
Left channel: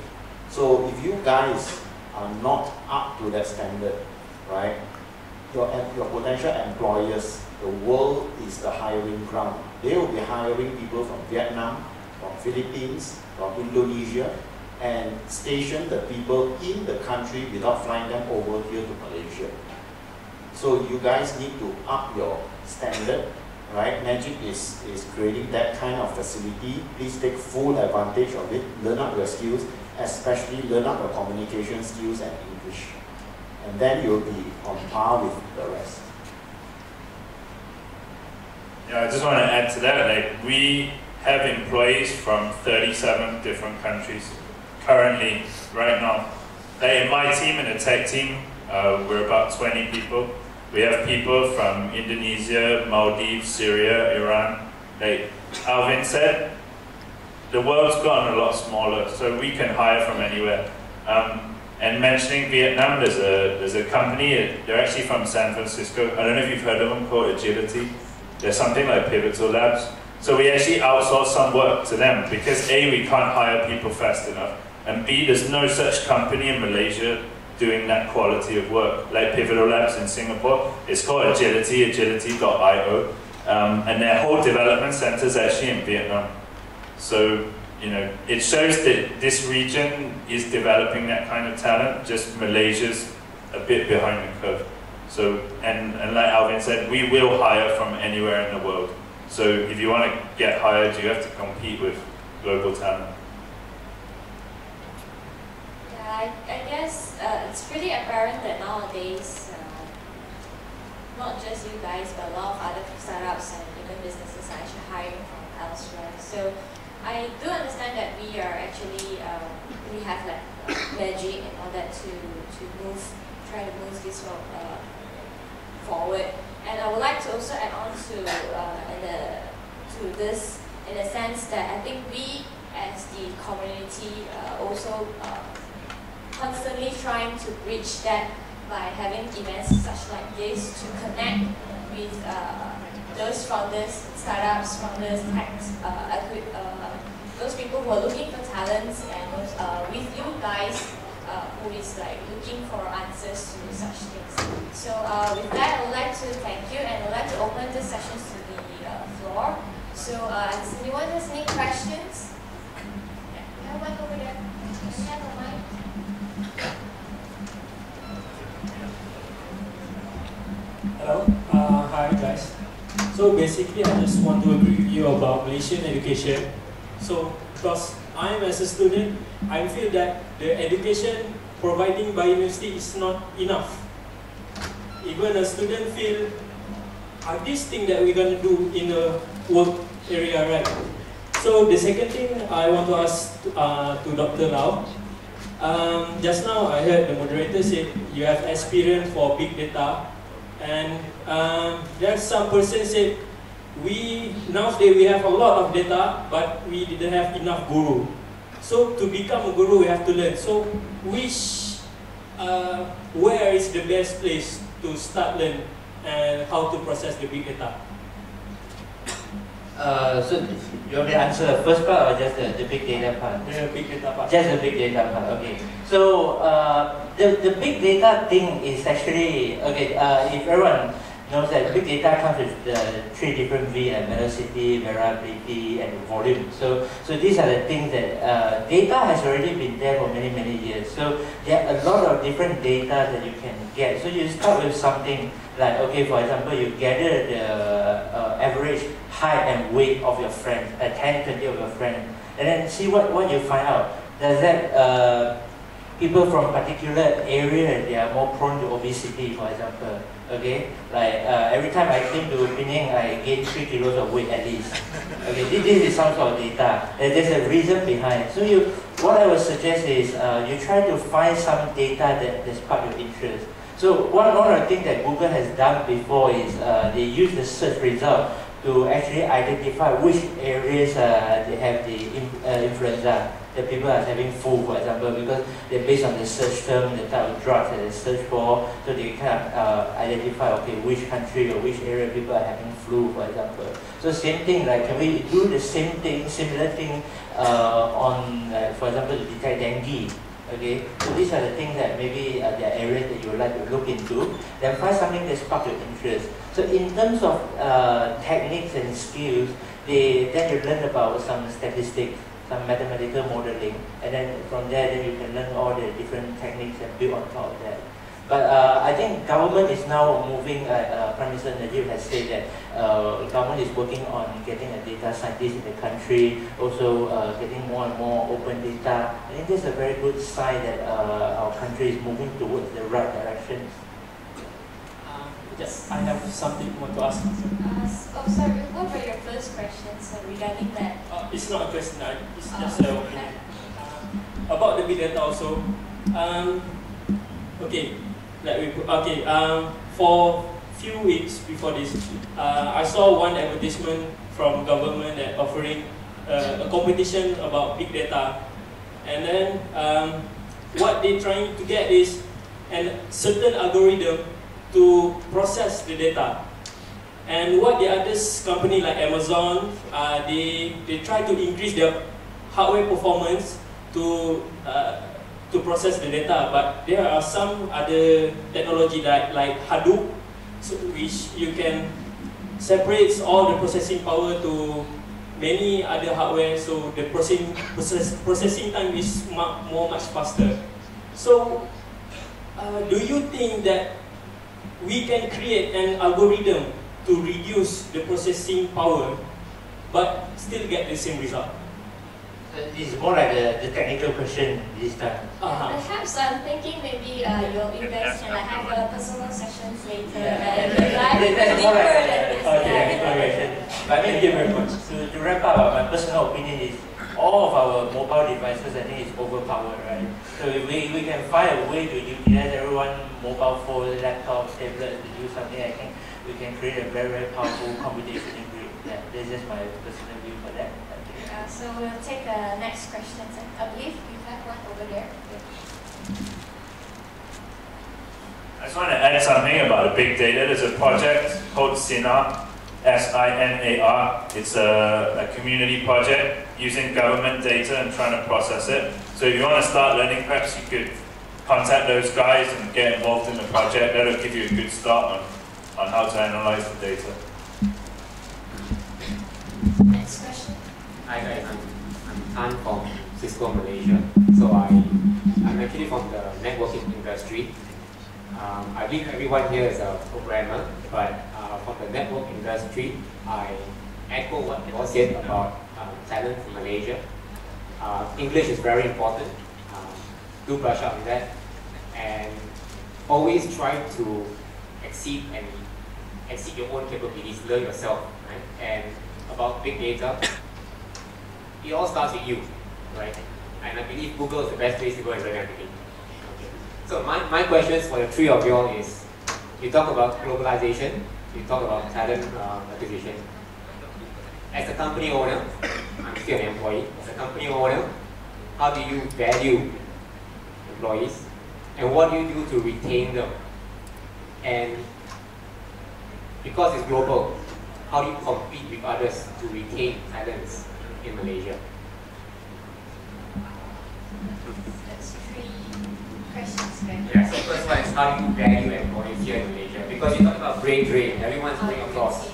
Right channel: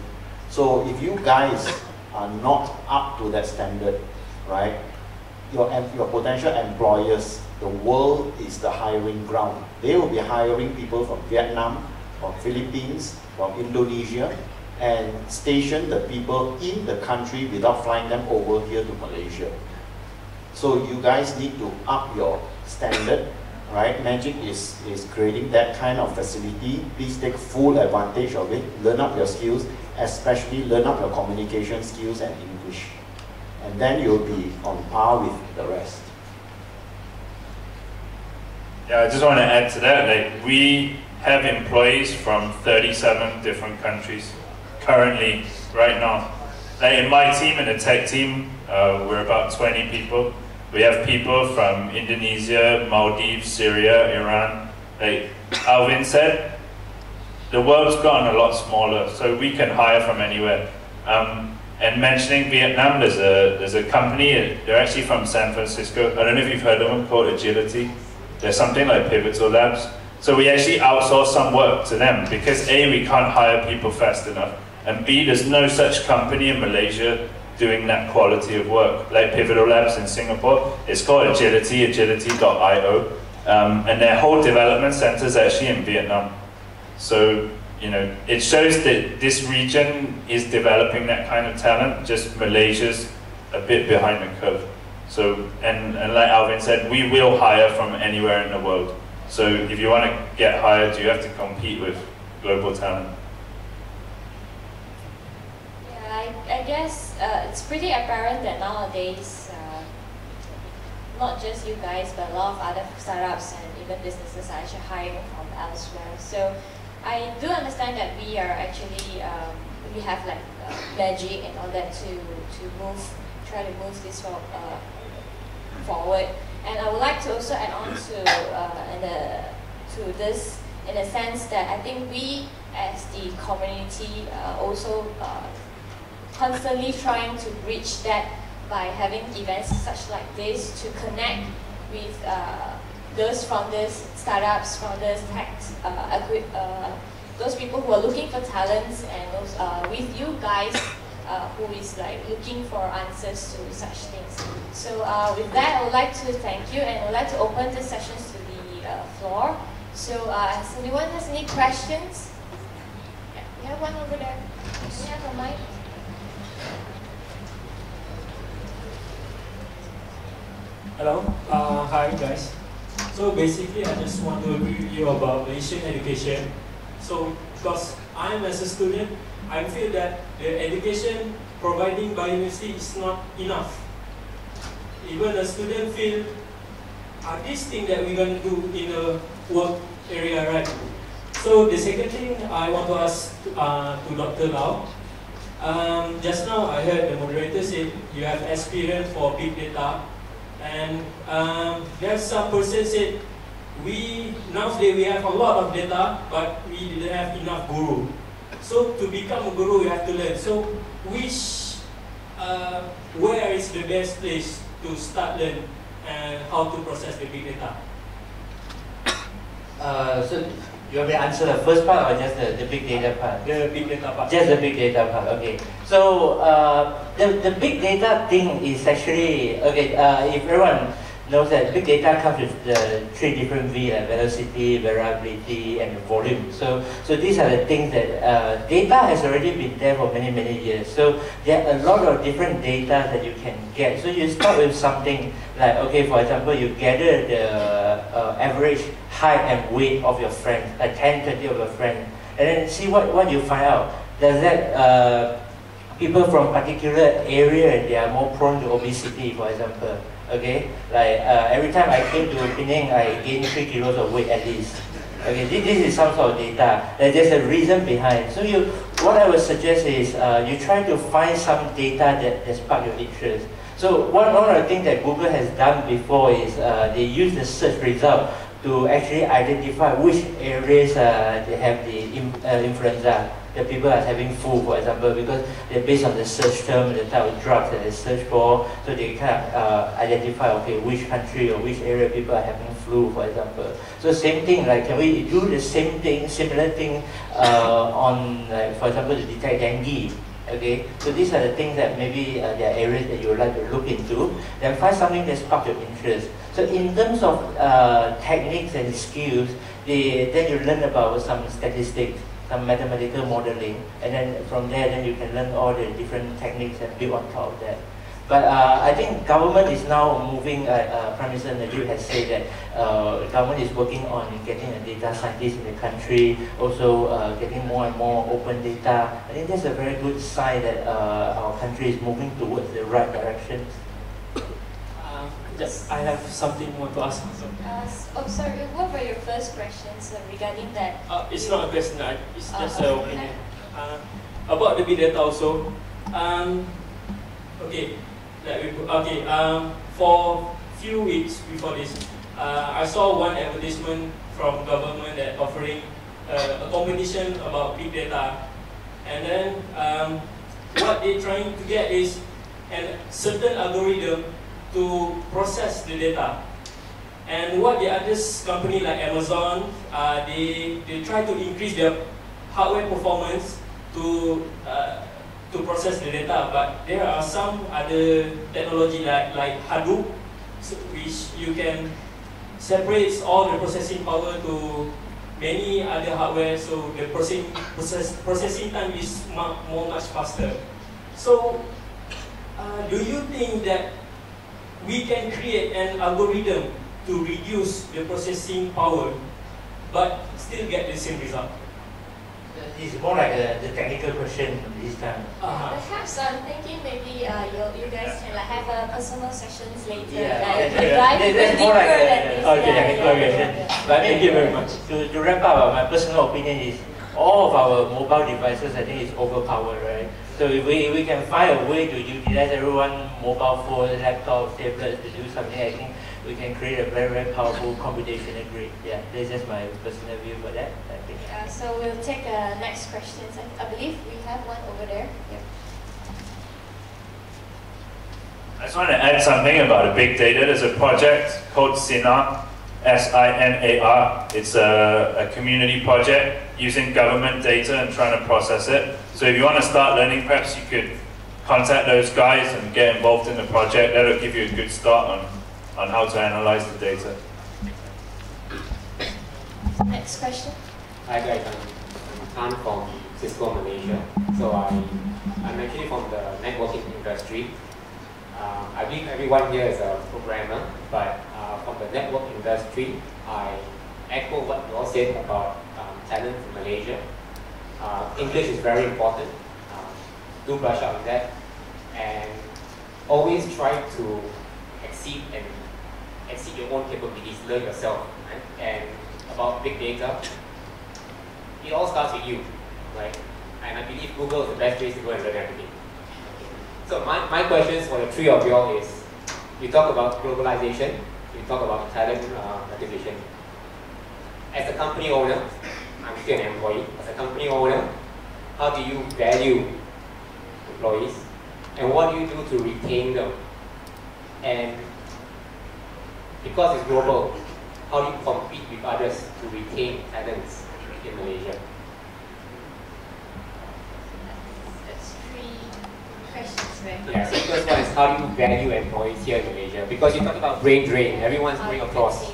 So if you guys are not up to that standard, right, your potential employers, the world is the hiring ground. They will be hiring people from Vietnam, from Philippines, from Indonesia, and station the people in the country without flying them over here to Malaysia. So you guys need to up your standard, right? Magic is creating that kind of facility. Please take full advantage of it. Learn up your skills, especially learn up your communication skills and English. And then you'll be on par with the rest. Yeah, I just want to add to that. Like, we have employees from 37 different countries currently, right now. Like in my team, in the tech team, we're about 20 people. We have people from Indonesia, Maldives, Syria, Iran. Like Alvin said, the world's gotten a lot smaller, so we can hire from anywhere. And mentioning Vietnam, there's a company, they're actually from San Francisco. I don't know if you've heard of them, called Agility. They're something like Pivotal Labs. So we actually outsource some work to them because A, we can't hire people fast enough, and B, there's no such company in Malaysia doing that quality of work, like Pivotal Labs in Singapore. It's called Agility, agility.io, and their whole development center is actually in Vietnam. So, you know, it shows that this region is developing that kind of talent, just Malaysia's a bit behind the curve. So, and like Alvin said, we will hire from anywhere in the world. So if you want to get hired, you have to compete with global talent. Yeah, I guess it's pretty apparent that nowadays, not just you guys, but a lot of other startups and even businesses are actually hiring from elsewhere. So I do understand that we are actually, we have like magic and all that to try to move this forward. And I would like to also add on to this in the sense that I think we as the community also constantly trying to bridge that by having events such like this to connect with those founders, startups, founders, tech, those people who are looking for talents, and with you guys who is like looking for answers to such things. So with that, I would like to thank you, and I would like to open the sessions to the floor. So does anyone has any questions? Yeah, we have one over there. Can you have a mic? Hello, hi guys. So basically, I just want to agree with you about Malaysian education. So because I am as a student, I feel that the education providing by university is not enough. Even a student feel, this thing that we're going to do in the work area, right? So the second thing I want to ask to Dr. Lau, just now I heard the moderator said you have experience for big data, and there's some person said nowadays we have a lot of data, but we didn't have enough guru. So to become a guru, we have to learn. So where is the best place to start learn and how to process the big data? So you want to answer the first part or just the big data part? The big data part. Just the big data part, okay. So the big data thing is actually, okay, if everyone knows that big data comes with the 3 different V, like velocity, variability, and volume. So these are the things that data has already been there for many, many years. So there are a lot of different data that you can get. So you start with something like, okay, for example, you gather the average height and weight of your friends, like 10, 20 of your friends, and then see what you find out. Does that people from particular area, they are more prone to obesity, for example. Okay, like every time I came to Penang, I gained 3 kilos of weight at least. Okay, this is some sort of data. There's a reason behind. So what I would suggest is you try to find some data that spark your interest. So one of the things that Google has done before is they use the search result to actually identify which areas they have the influenza. The people are having flu, for example, because they're based on the search term, the type of drugs that they search for, so they kind of identify, okay, which country or which area people are having flu, for example. So same thing, like can we do the same thing, similar thing on, like, for example, to detect dengue? Okay, so these are the things that maybe there are areas that you would like to look into. Then find something that sparks your interest. So in terms of techniques and skills, then you learn about some statistics, some mathematical modeling, and then from there, then you can learn all the different techniques that build on top of that. But I think government is now moving, Prime Minister Najib has said that government is working on getting a data scientist in the country, also getting more and more open data. I think that's a very good sign that our country is moving towards the right direction. Yes, I have something more to ask. Sorry, what were your first questions regarding that? It's not a question, it's just an opinion. About the big data also. For few weeks before this, I saw one advertisement from government that offering a competition about big data, and then what they're trying to get is a certain algorithm to process the data. And what the others company like Amazon, they try to increase their hardware performance to process the data, but there are some other technology like Hadoop, which you can separate all the processing power to many other hardware, so the processing time is much faster. So, do you think that we can create an algorithm to reduce the processing power, but still get the same result? It's more like the technical question this time. Perhaps I'm thinking maybe you guys can have a personal sessions later. That's more like technical question. But Thank you very much. To wrap up, my personal opinion is all of our mobile devices, I think, is overpowered, right? So if we can find a way to utilize everyone mobile phone, laptops, tablets to do something, I think we can create a very, very powerful computational grid. Yeah, this is my personal view for that. So we'll take next questions. I believe we have one over there. Yep. I just want to add something about the big data. There's a project called SINAR, S-I-N-A-R. It's a community project using government data and trying to process it. So if you want to start learning, perhaps you could contact those guys and get involved in the project. That'll give you a good start on how to analyze the data. Next question. Hi guys, I'm from Cisco Malaysia. So I'm actually from the networking industry. I believe everyone here is a programmer, but from the network industry, I echo what you all said about talent in Malaysia. English is very important. Do brush up on that, and always try to exceed your own capabilities. Learn yourself, right? And about big data, it all starts with you, right? And I believe Google is the best place to go and learn everything. So my questions for the three of you all is, you talk about globalization, you talk about talent acquisition. As a company owner, I'm still an employee, as a company owner, how do you value employees? And what do you do to retain them? And because it's global, how do you compete with others to retain talents in Malaysia? That's three questions, right? Yeah, so the first one is, how do you value employees here in Malaysia? Because you talk about brain drain, everyone's going across,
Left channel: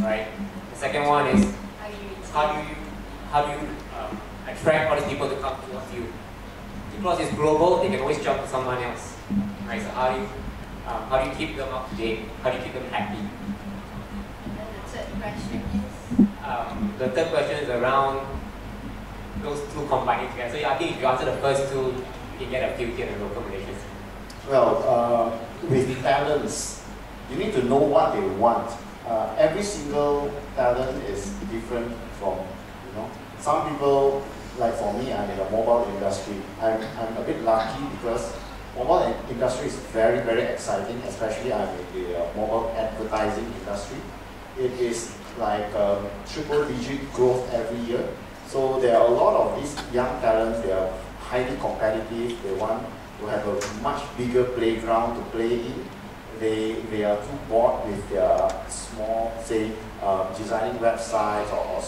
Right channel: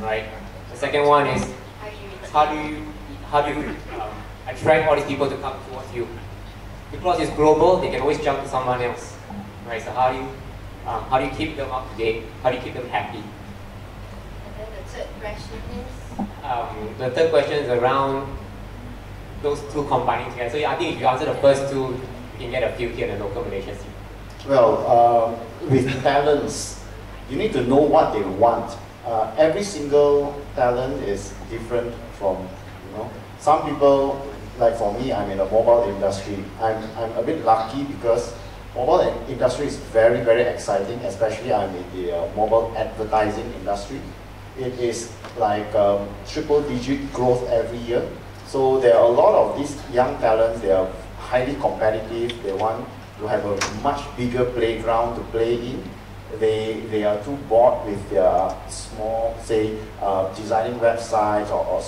right? The second one is, how do you attract all these people to come towards you? Because it's global, they can always jump to someone else, right? So how do you keep them up to date? How do you keep them happy? And then the third question is? The third question is around those two combining together. So I think if you answer the first two, you can get a few here in the local Malaysian scene. Well, with talents, you need to know what they want. Every single talent is different from, some people, like for me, I'm in the mobile industry. I'm a bit lucky because mobile industry is very, very exciting, especially I'm in the mobile advertising industry. It is like triple-digit growth every year. So there are a lot of these young talents, they are highly competitive, they want to have a much bigger playground to play in. They are too bored with their small, say, designing websites or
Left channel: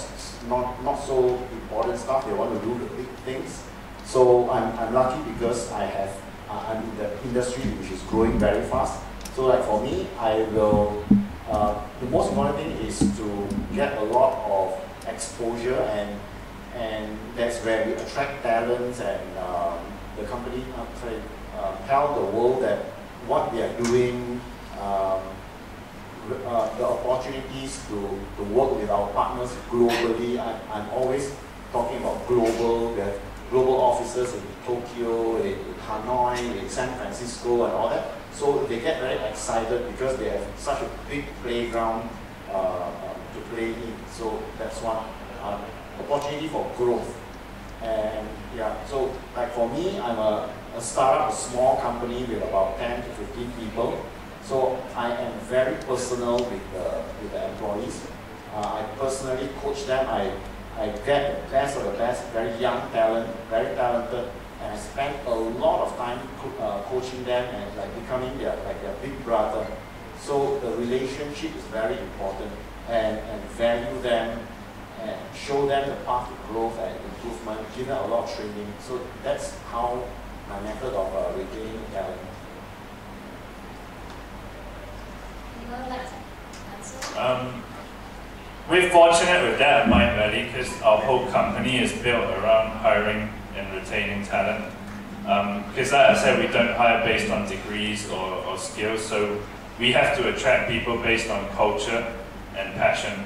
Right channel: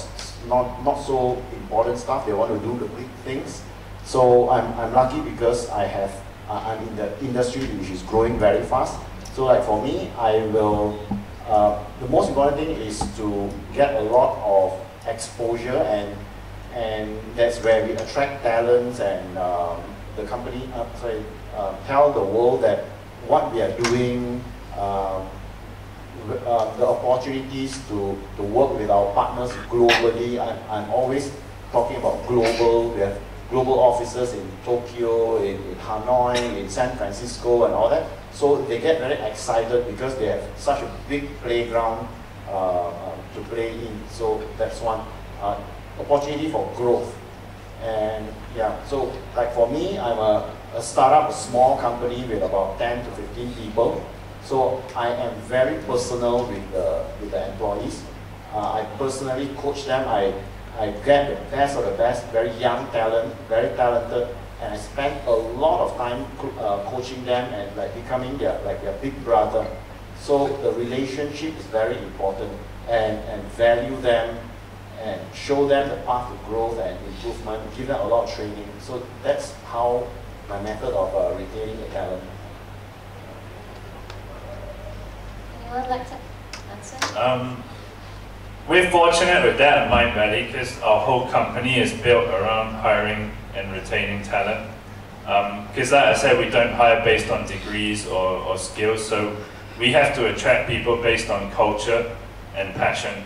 not so important stuff. They want to do the big things. So I'm lucky because I'm in the industry which is growing very fast. So like for me, the most important thing is to get a lot of exposure, and that's where we attract talents, and the company tell the world that what we are doing, the opportunities to work with our partners globally. I'm always talking about global. We have global offices in Tokyo, in Hanoi, in San Francisco, and all that. So they get very excited because they have such a big playground to play in. So that's one opportunity for growth. And yeah, so like for me, I'm a startup, a small company with about 10 to 15 people. So I am very personal with the employees. I personally coach them. I get the best of the best, very young talent, very talented, and I spend a lot of time coaching them and like becoming their big brother. So the relationship is very important, and value them and show them the path to growth and improvement, give them a lot of training. So that's how my method of retaining talent. Anyone like to answer? We're fortunate with that at MindValley because our whole company is built around hiring and retaining talent. Because like I said, we don't hire based on degrees or skills, so we have to attract people based on culture and passion.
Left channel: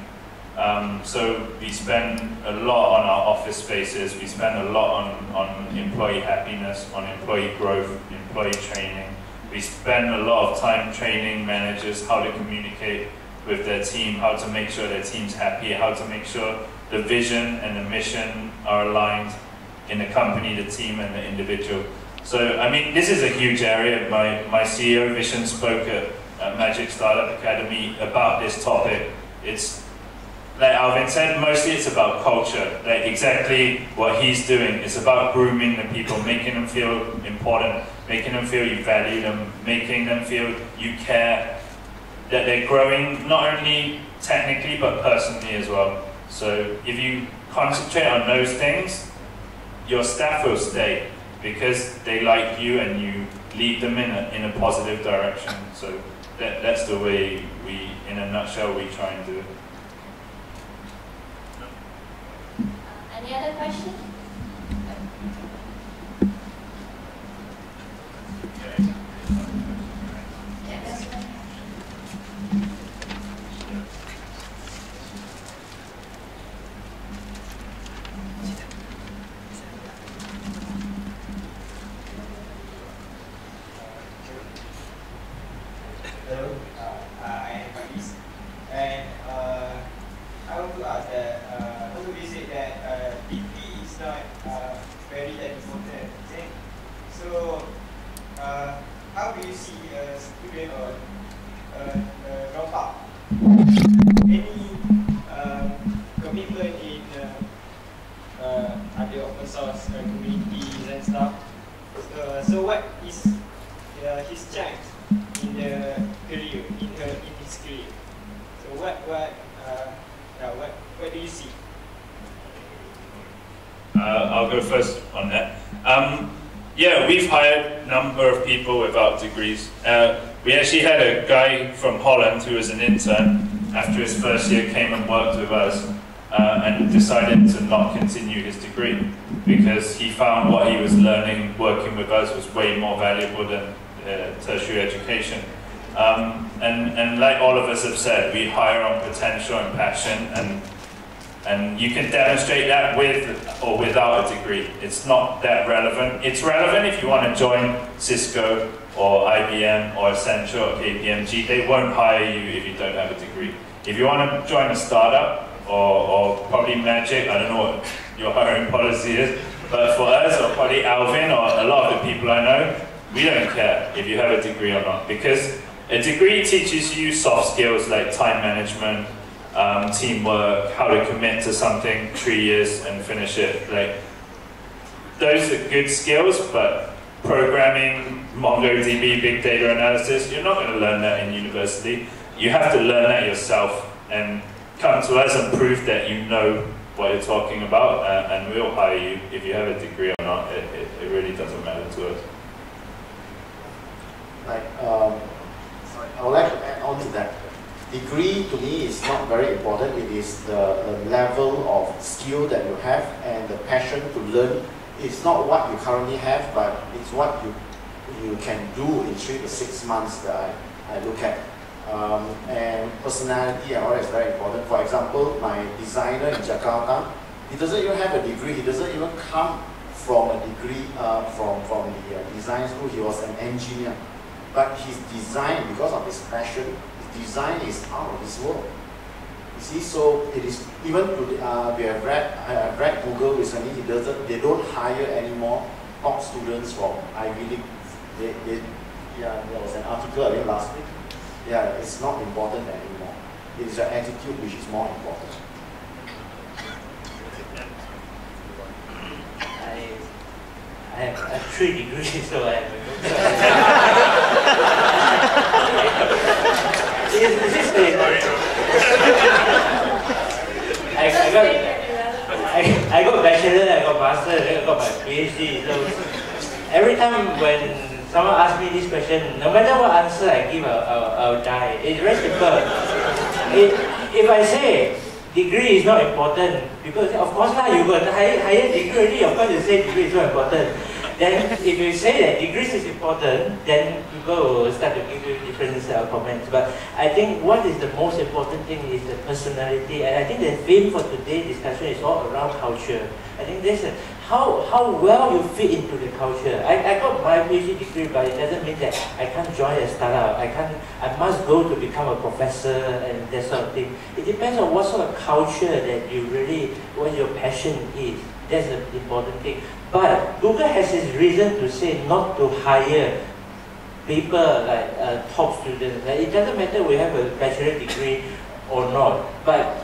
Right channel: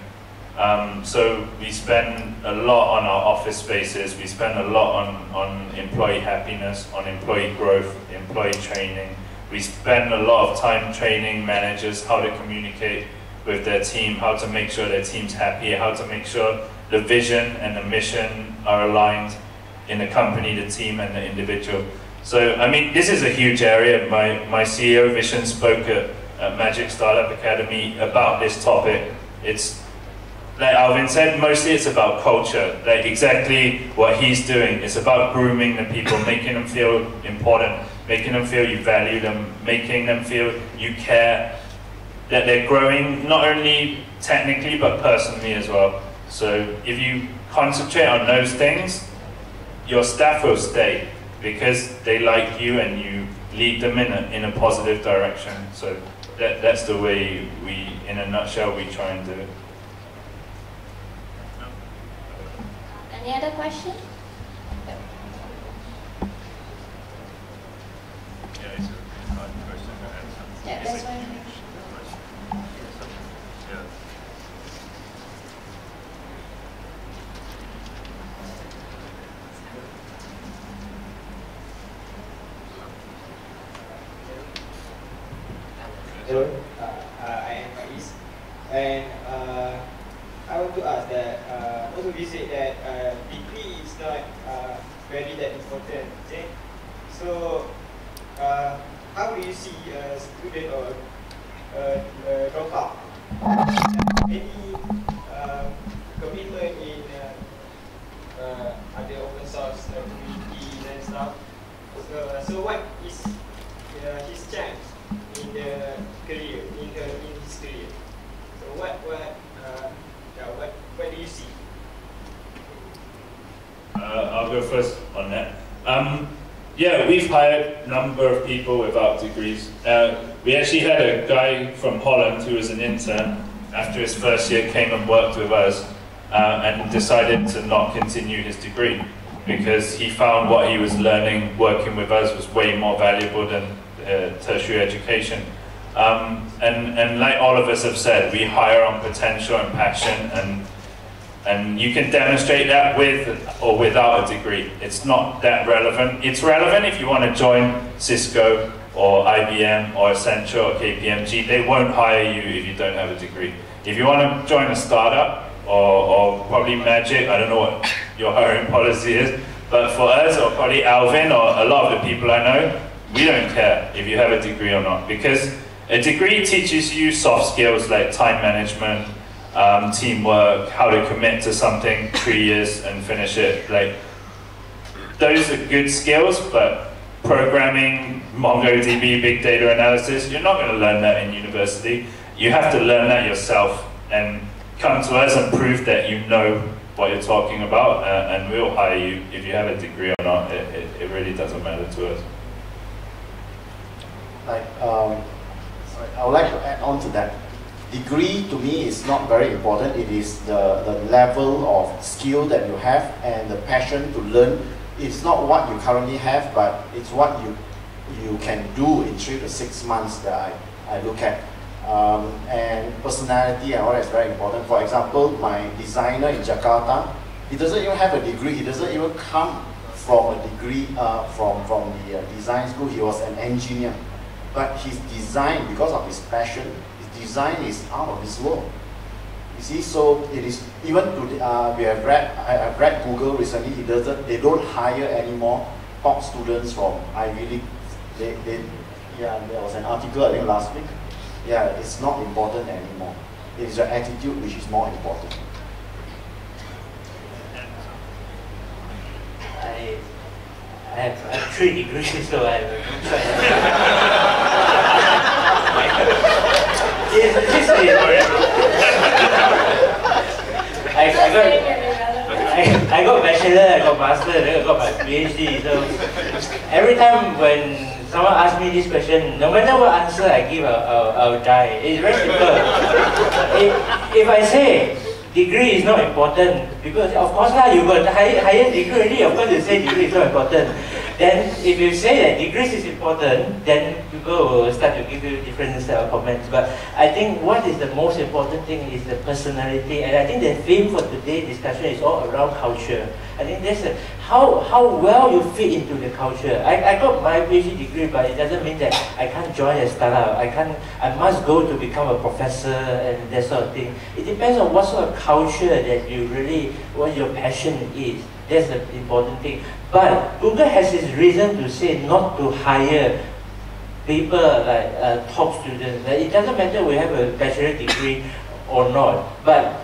So we spend a lot on our office spaces, we spend a lot on employee happiness, on employee growth, employee training. We spend a lot of time training managers how to communicate with their team, how to make sure their team's happy, how to make sure the vision and the mission are aligned in the company, the team, and the individual. So, I mean, this is a huge area. My CEO, Vishen, spoke at Magic Startup Academy about this topic. It's, like Alvin said, mostly it's about culture, like exactly what he's doing. It's about grooming the people, making them feel important, making them feel you value them, making them feel you care, that they're growing not only technically but personally as well. So if you concentrate on those things, your staff will stay because they like you and you lead them in a positive direction. So that's the way we, in a nutshell, we try and do it. Any other question? Yeah, that's right. Hello, I am Davies, and I want to ask that also you said that degree is not very that important, okay? So how do you see a student or a dropout? Any commitment in other open source communities and stuff? So what is his chance in the career, in his career? So what do you see? I'll go first on that. Yeah, we've hired a number of people without degrees. We actually had a guy from Holland who was an intern. After his first year, came and worked with us and decided to not continue his degree because he found what he was learning working with us was way more valuable than tertiary education. And like all of us have said, we hire on potential and passion, and you can demonstrate that with or without a degree. It's not that relevant. It's relevant if you want to join Cisco or IBM or Accenture or KPMG. They won't hire you if you don't have a degree. If you want to join a startup or probably Magic, I don't know what your hiring policy is, but for us or probably Alvin or a lot of the people I know, we don't care if you have a degree or not, because a degree teaches you soft skills like time management, teamwork, how to commit to something 3 years and finish it. Like, those are good skills, but programming, MongoDB, big data analysis, you're not going to learn that in university. You have to learn that yourself and come to us and prove that you know what you're talking about, and we'll hire you if you have a degree or not. It really doesn't matter to us. Like, sorry, I would like to add on to that. Degree to me is not very important. It is the level of skill that you have and the passion to learn. It's not what you currently have, but it's what you can do in 3 to 6 months that I look at. And personality and all that is very important. For example, my designer in Jakarta, he doesn't even have a degree. He doesn't even come from a degree from the design school. He was an engineer. but his design, because of his passion, his design is out of this world. You see, so it is even to I have read Google recently. They don't hire anymore top students from Ivy League. Yeah, there was an article I think last week. Yeah, it's not important anymore. It is your attitude which is more important. I have 3 degrees, so I have a good I got bachelor, I got master, I got my PhD. So every time when someone asks me this question, no matter what answer I give, I'll die. It's very simple. If I say degree is not important, because of course you got the higher degree already, of course you say degree is not important. Then if you say that degrees is important, then people will start to give you different comments. But I think what is the most important thing is the personality, and I think the theme for today's discussion is all around culture. I think that's how well you fit into the culture. I got my PhD degree, but it doesn't mean that I can't join a startup. I must go to become a professor and that sort of thing. It depends on what sort of culture that you really, what your passion is. That's the important thing. But Google has its reason to say not to hire people like top students. It doesn't matter we have a bachelor degree or not. But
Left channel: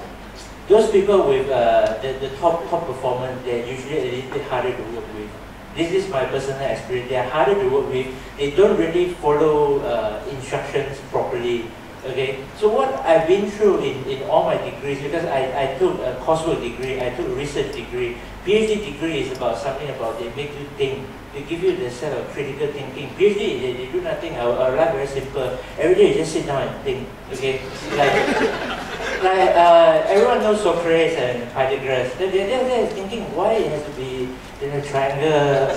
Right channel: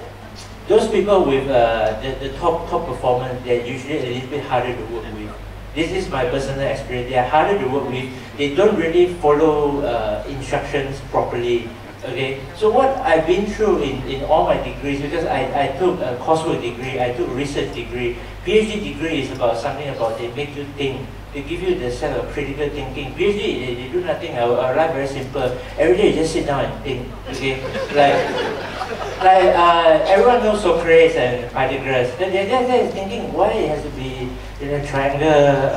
those people with the top performance, they're usually a little bit harder to work with. This is my personal experience. They are harder to work with. They don't really follow instructions properly. Okay, so what I've been through in all my degrees, because I took a coursework degree, I took a research degree. PhD degree is about something about they make you think. They give you the set of critical thinking. PhD, they do nothing. Our life very simple. Every day you just sit down and think. Okay, like everyone knows Socrates and Pythagoras. They're thinking why it has to be in a triangle.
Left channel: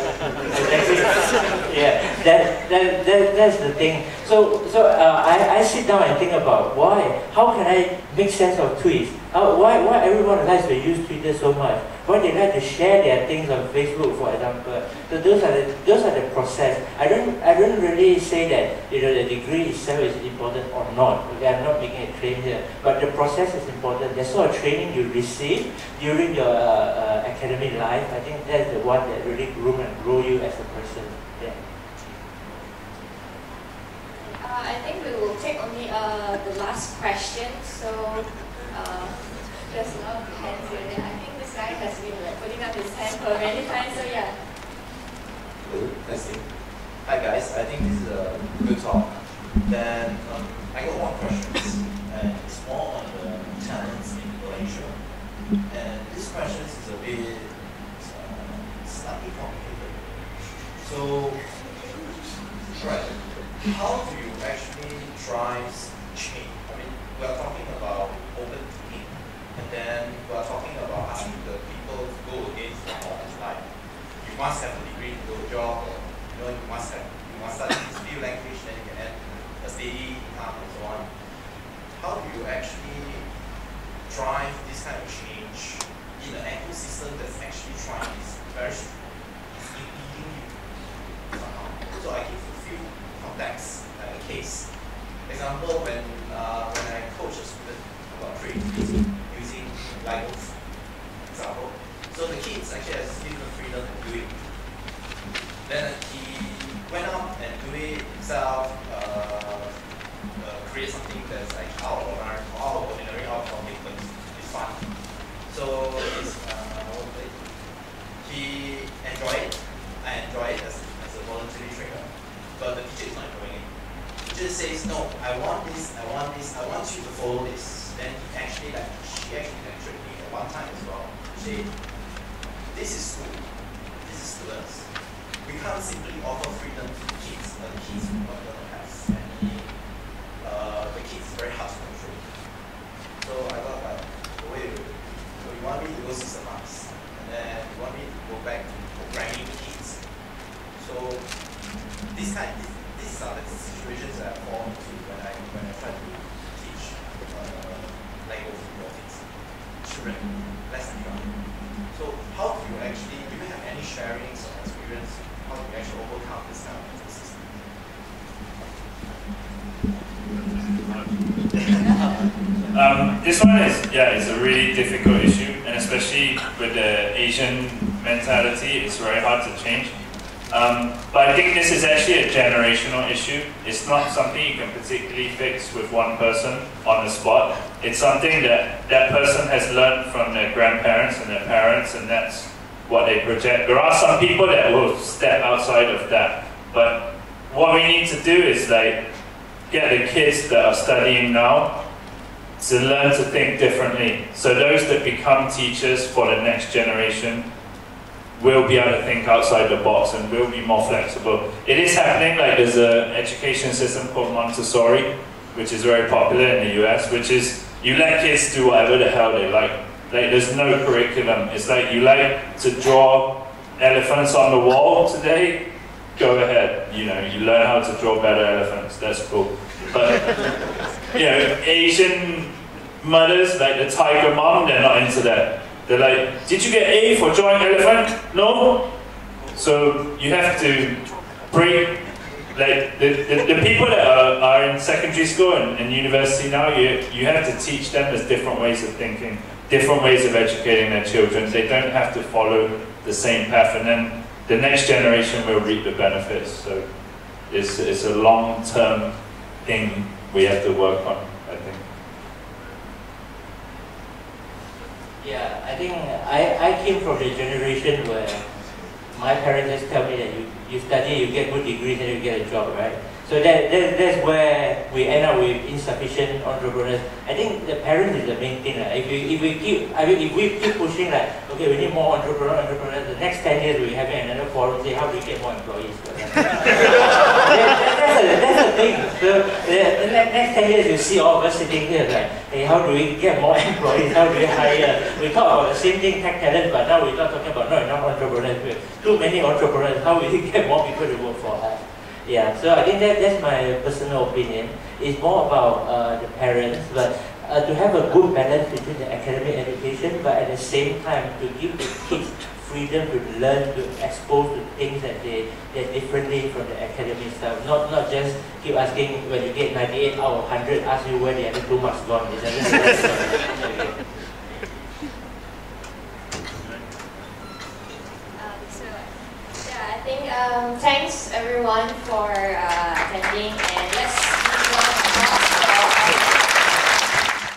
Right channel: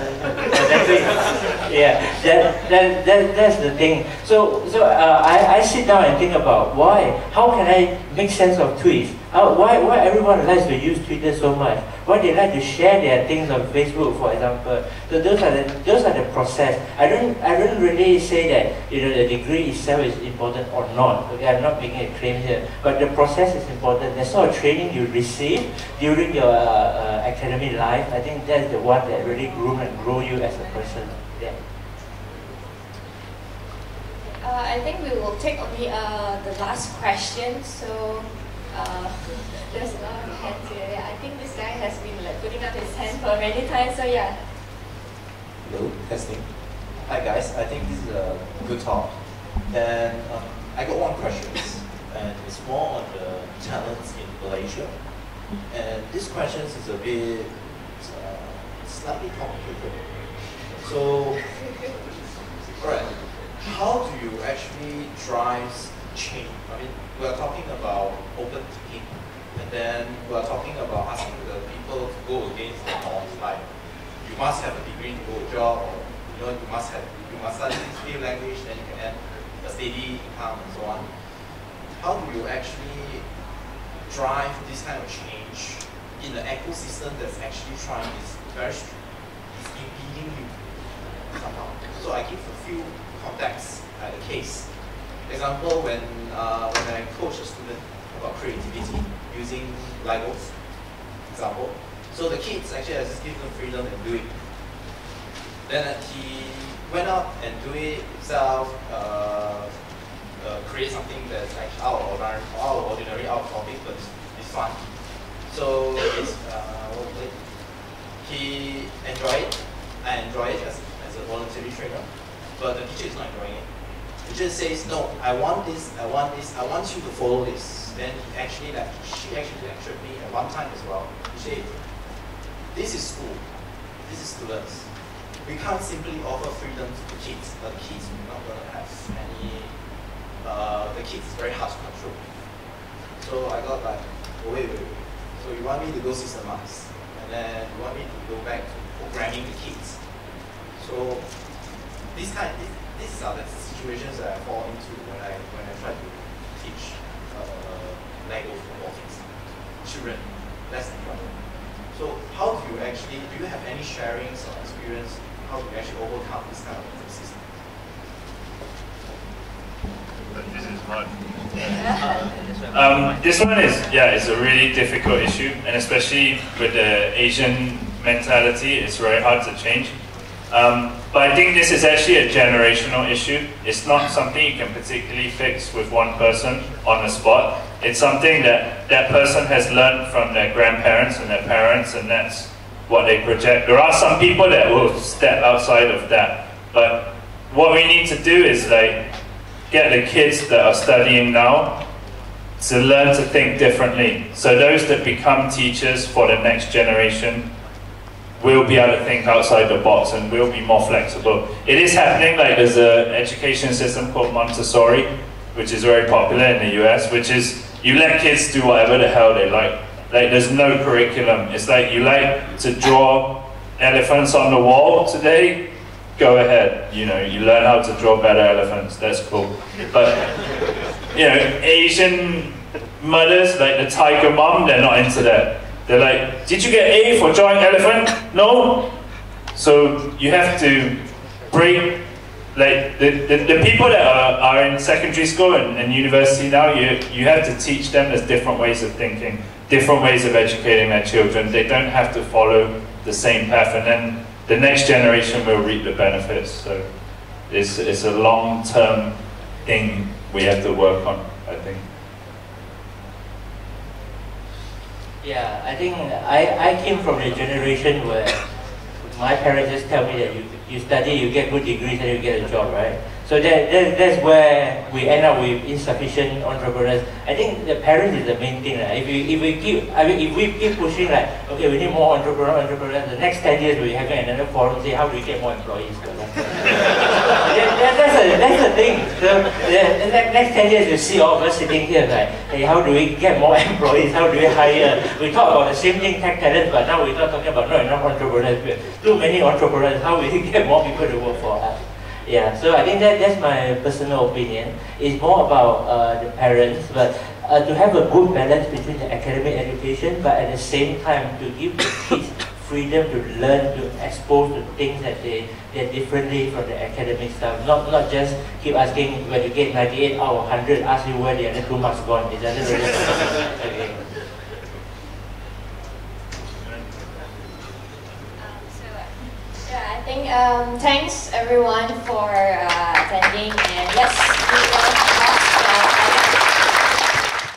Yeah, that's the thing. So I sit down and think about why. How can I make sense of tweets? Why everyone likes to use Twitter so much? Why they like to share their things on Facebook, for example? So those are the process. I don't really say that the degree itself is important or not. Okay, I'm not making a claim here, but the process is important. The sort of training you receive during your academic life, I think that's the one that really groom and grow you as a person. Yeah. I think we will take only the last question. So there's a lot of hands here. Yeah, I think this guy has been like putting up his hand for many times. So yeah. Hello, testing. Hi guys, I think this is a good talk. Then I got one question, and it's more on the talents in Malaysia. And this question is a bit slightly complicated. So, alright, how do you actually drive change? I mean, we are talking about open thinking, and then we are talking about asking the people to go against the norms, like you must have a degree to go to a job, or you must study this new language, then you can earn a steady income and so on. How do you actually drive this kind of change in an ecosystem that's actually trying is impeding you somehow? So I give a few contexts, a case. Example, when I coach a student about creativity using Legos, example. So the kids actually I just give them freedom and do it. Then he went out and do it himself, create something that's like out of ordinary, out of topic, but it's fun. So it's he enjoyed it. I enjoy it as a voluntary trainer, but the teacher is not enjoying it. The teacher says, no, I want this, I want you to follow this. Then she actually lectured me at one time as well. She said, this is school, this is students. We can't simply offer freedom to the kids, but the kids are not going to have any, the kids is very hard to control. So I got like, oh, wait. So you want me to go systemize, and then you want me to go back to programming the kids. So these are the situations that I fall into when I try to teach language robotics, children, less than young. So how do you have any sharings or experience? How do you actually overcome this kind of system? This one is, it's a really difficult issue, and especially with the Asian mentality, it's very hard to change. But I think this is actually a generational issue. It's not something you can particularly fix with one person on the spot. It's something that that person has learned from their grandparents and their parents, and that's what they project. There are some people that will step outside of that, but what we need to do is like get the kids that are studying now to learn to think differently. So those that become teachers for the next generation will be able to think outside the box and will be more flexible. It is happening, like there's an education system called Montessori, which is very popular in the US, which is you let kids do whatever the hell they like. Like there's no curriculum. It's like you like to draw elephants on the wall today, go ahead. You know, you learn how to draw better elephants, that's cool. But you know, Asian mothers, like the tiger mom, they're not into that. They're like, did you get A for drawing elephant? No? So you have to break, like the people that are in secondary school and university now, you have to teach them there's different ways of thinking, different ways of educating their children. They don't have to follow the same path, and then the next generation will reap the benefits. So it's a long-term thing we have to work on, I think. Yeah, I think I came from the generation where my parents just tell me that you study, you get good degrees, and you get a job, right? So that's where we end up with insufficient entrepreneurs. I think the parents is the main thing. Right? If we keep pushing like, okay, we need more entrepreneurs, the next 10 years we're having another forum say how do we get more employees? That's the thing. So the next 10 years you see all of us sitting here like, hey, how do we get more employees? How do we hire? We talk about the same thing, tech talent, but now we're not talking about not enough entrepreneurs. Too many entrepreneurs. How will we get more people to work for us? Yeah, so I think that's my personal opinion. It's more about the parents, but to have a good balance between the academic education, but at the same time to give the kids freedom to learn, to expose to things that they're differently from the academic stuff. Not just keep asking when you get 98 out of 100, ask you where the other 2 marks gone. It doesn't really okay. I think thanks everyone for attending, and let's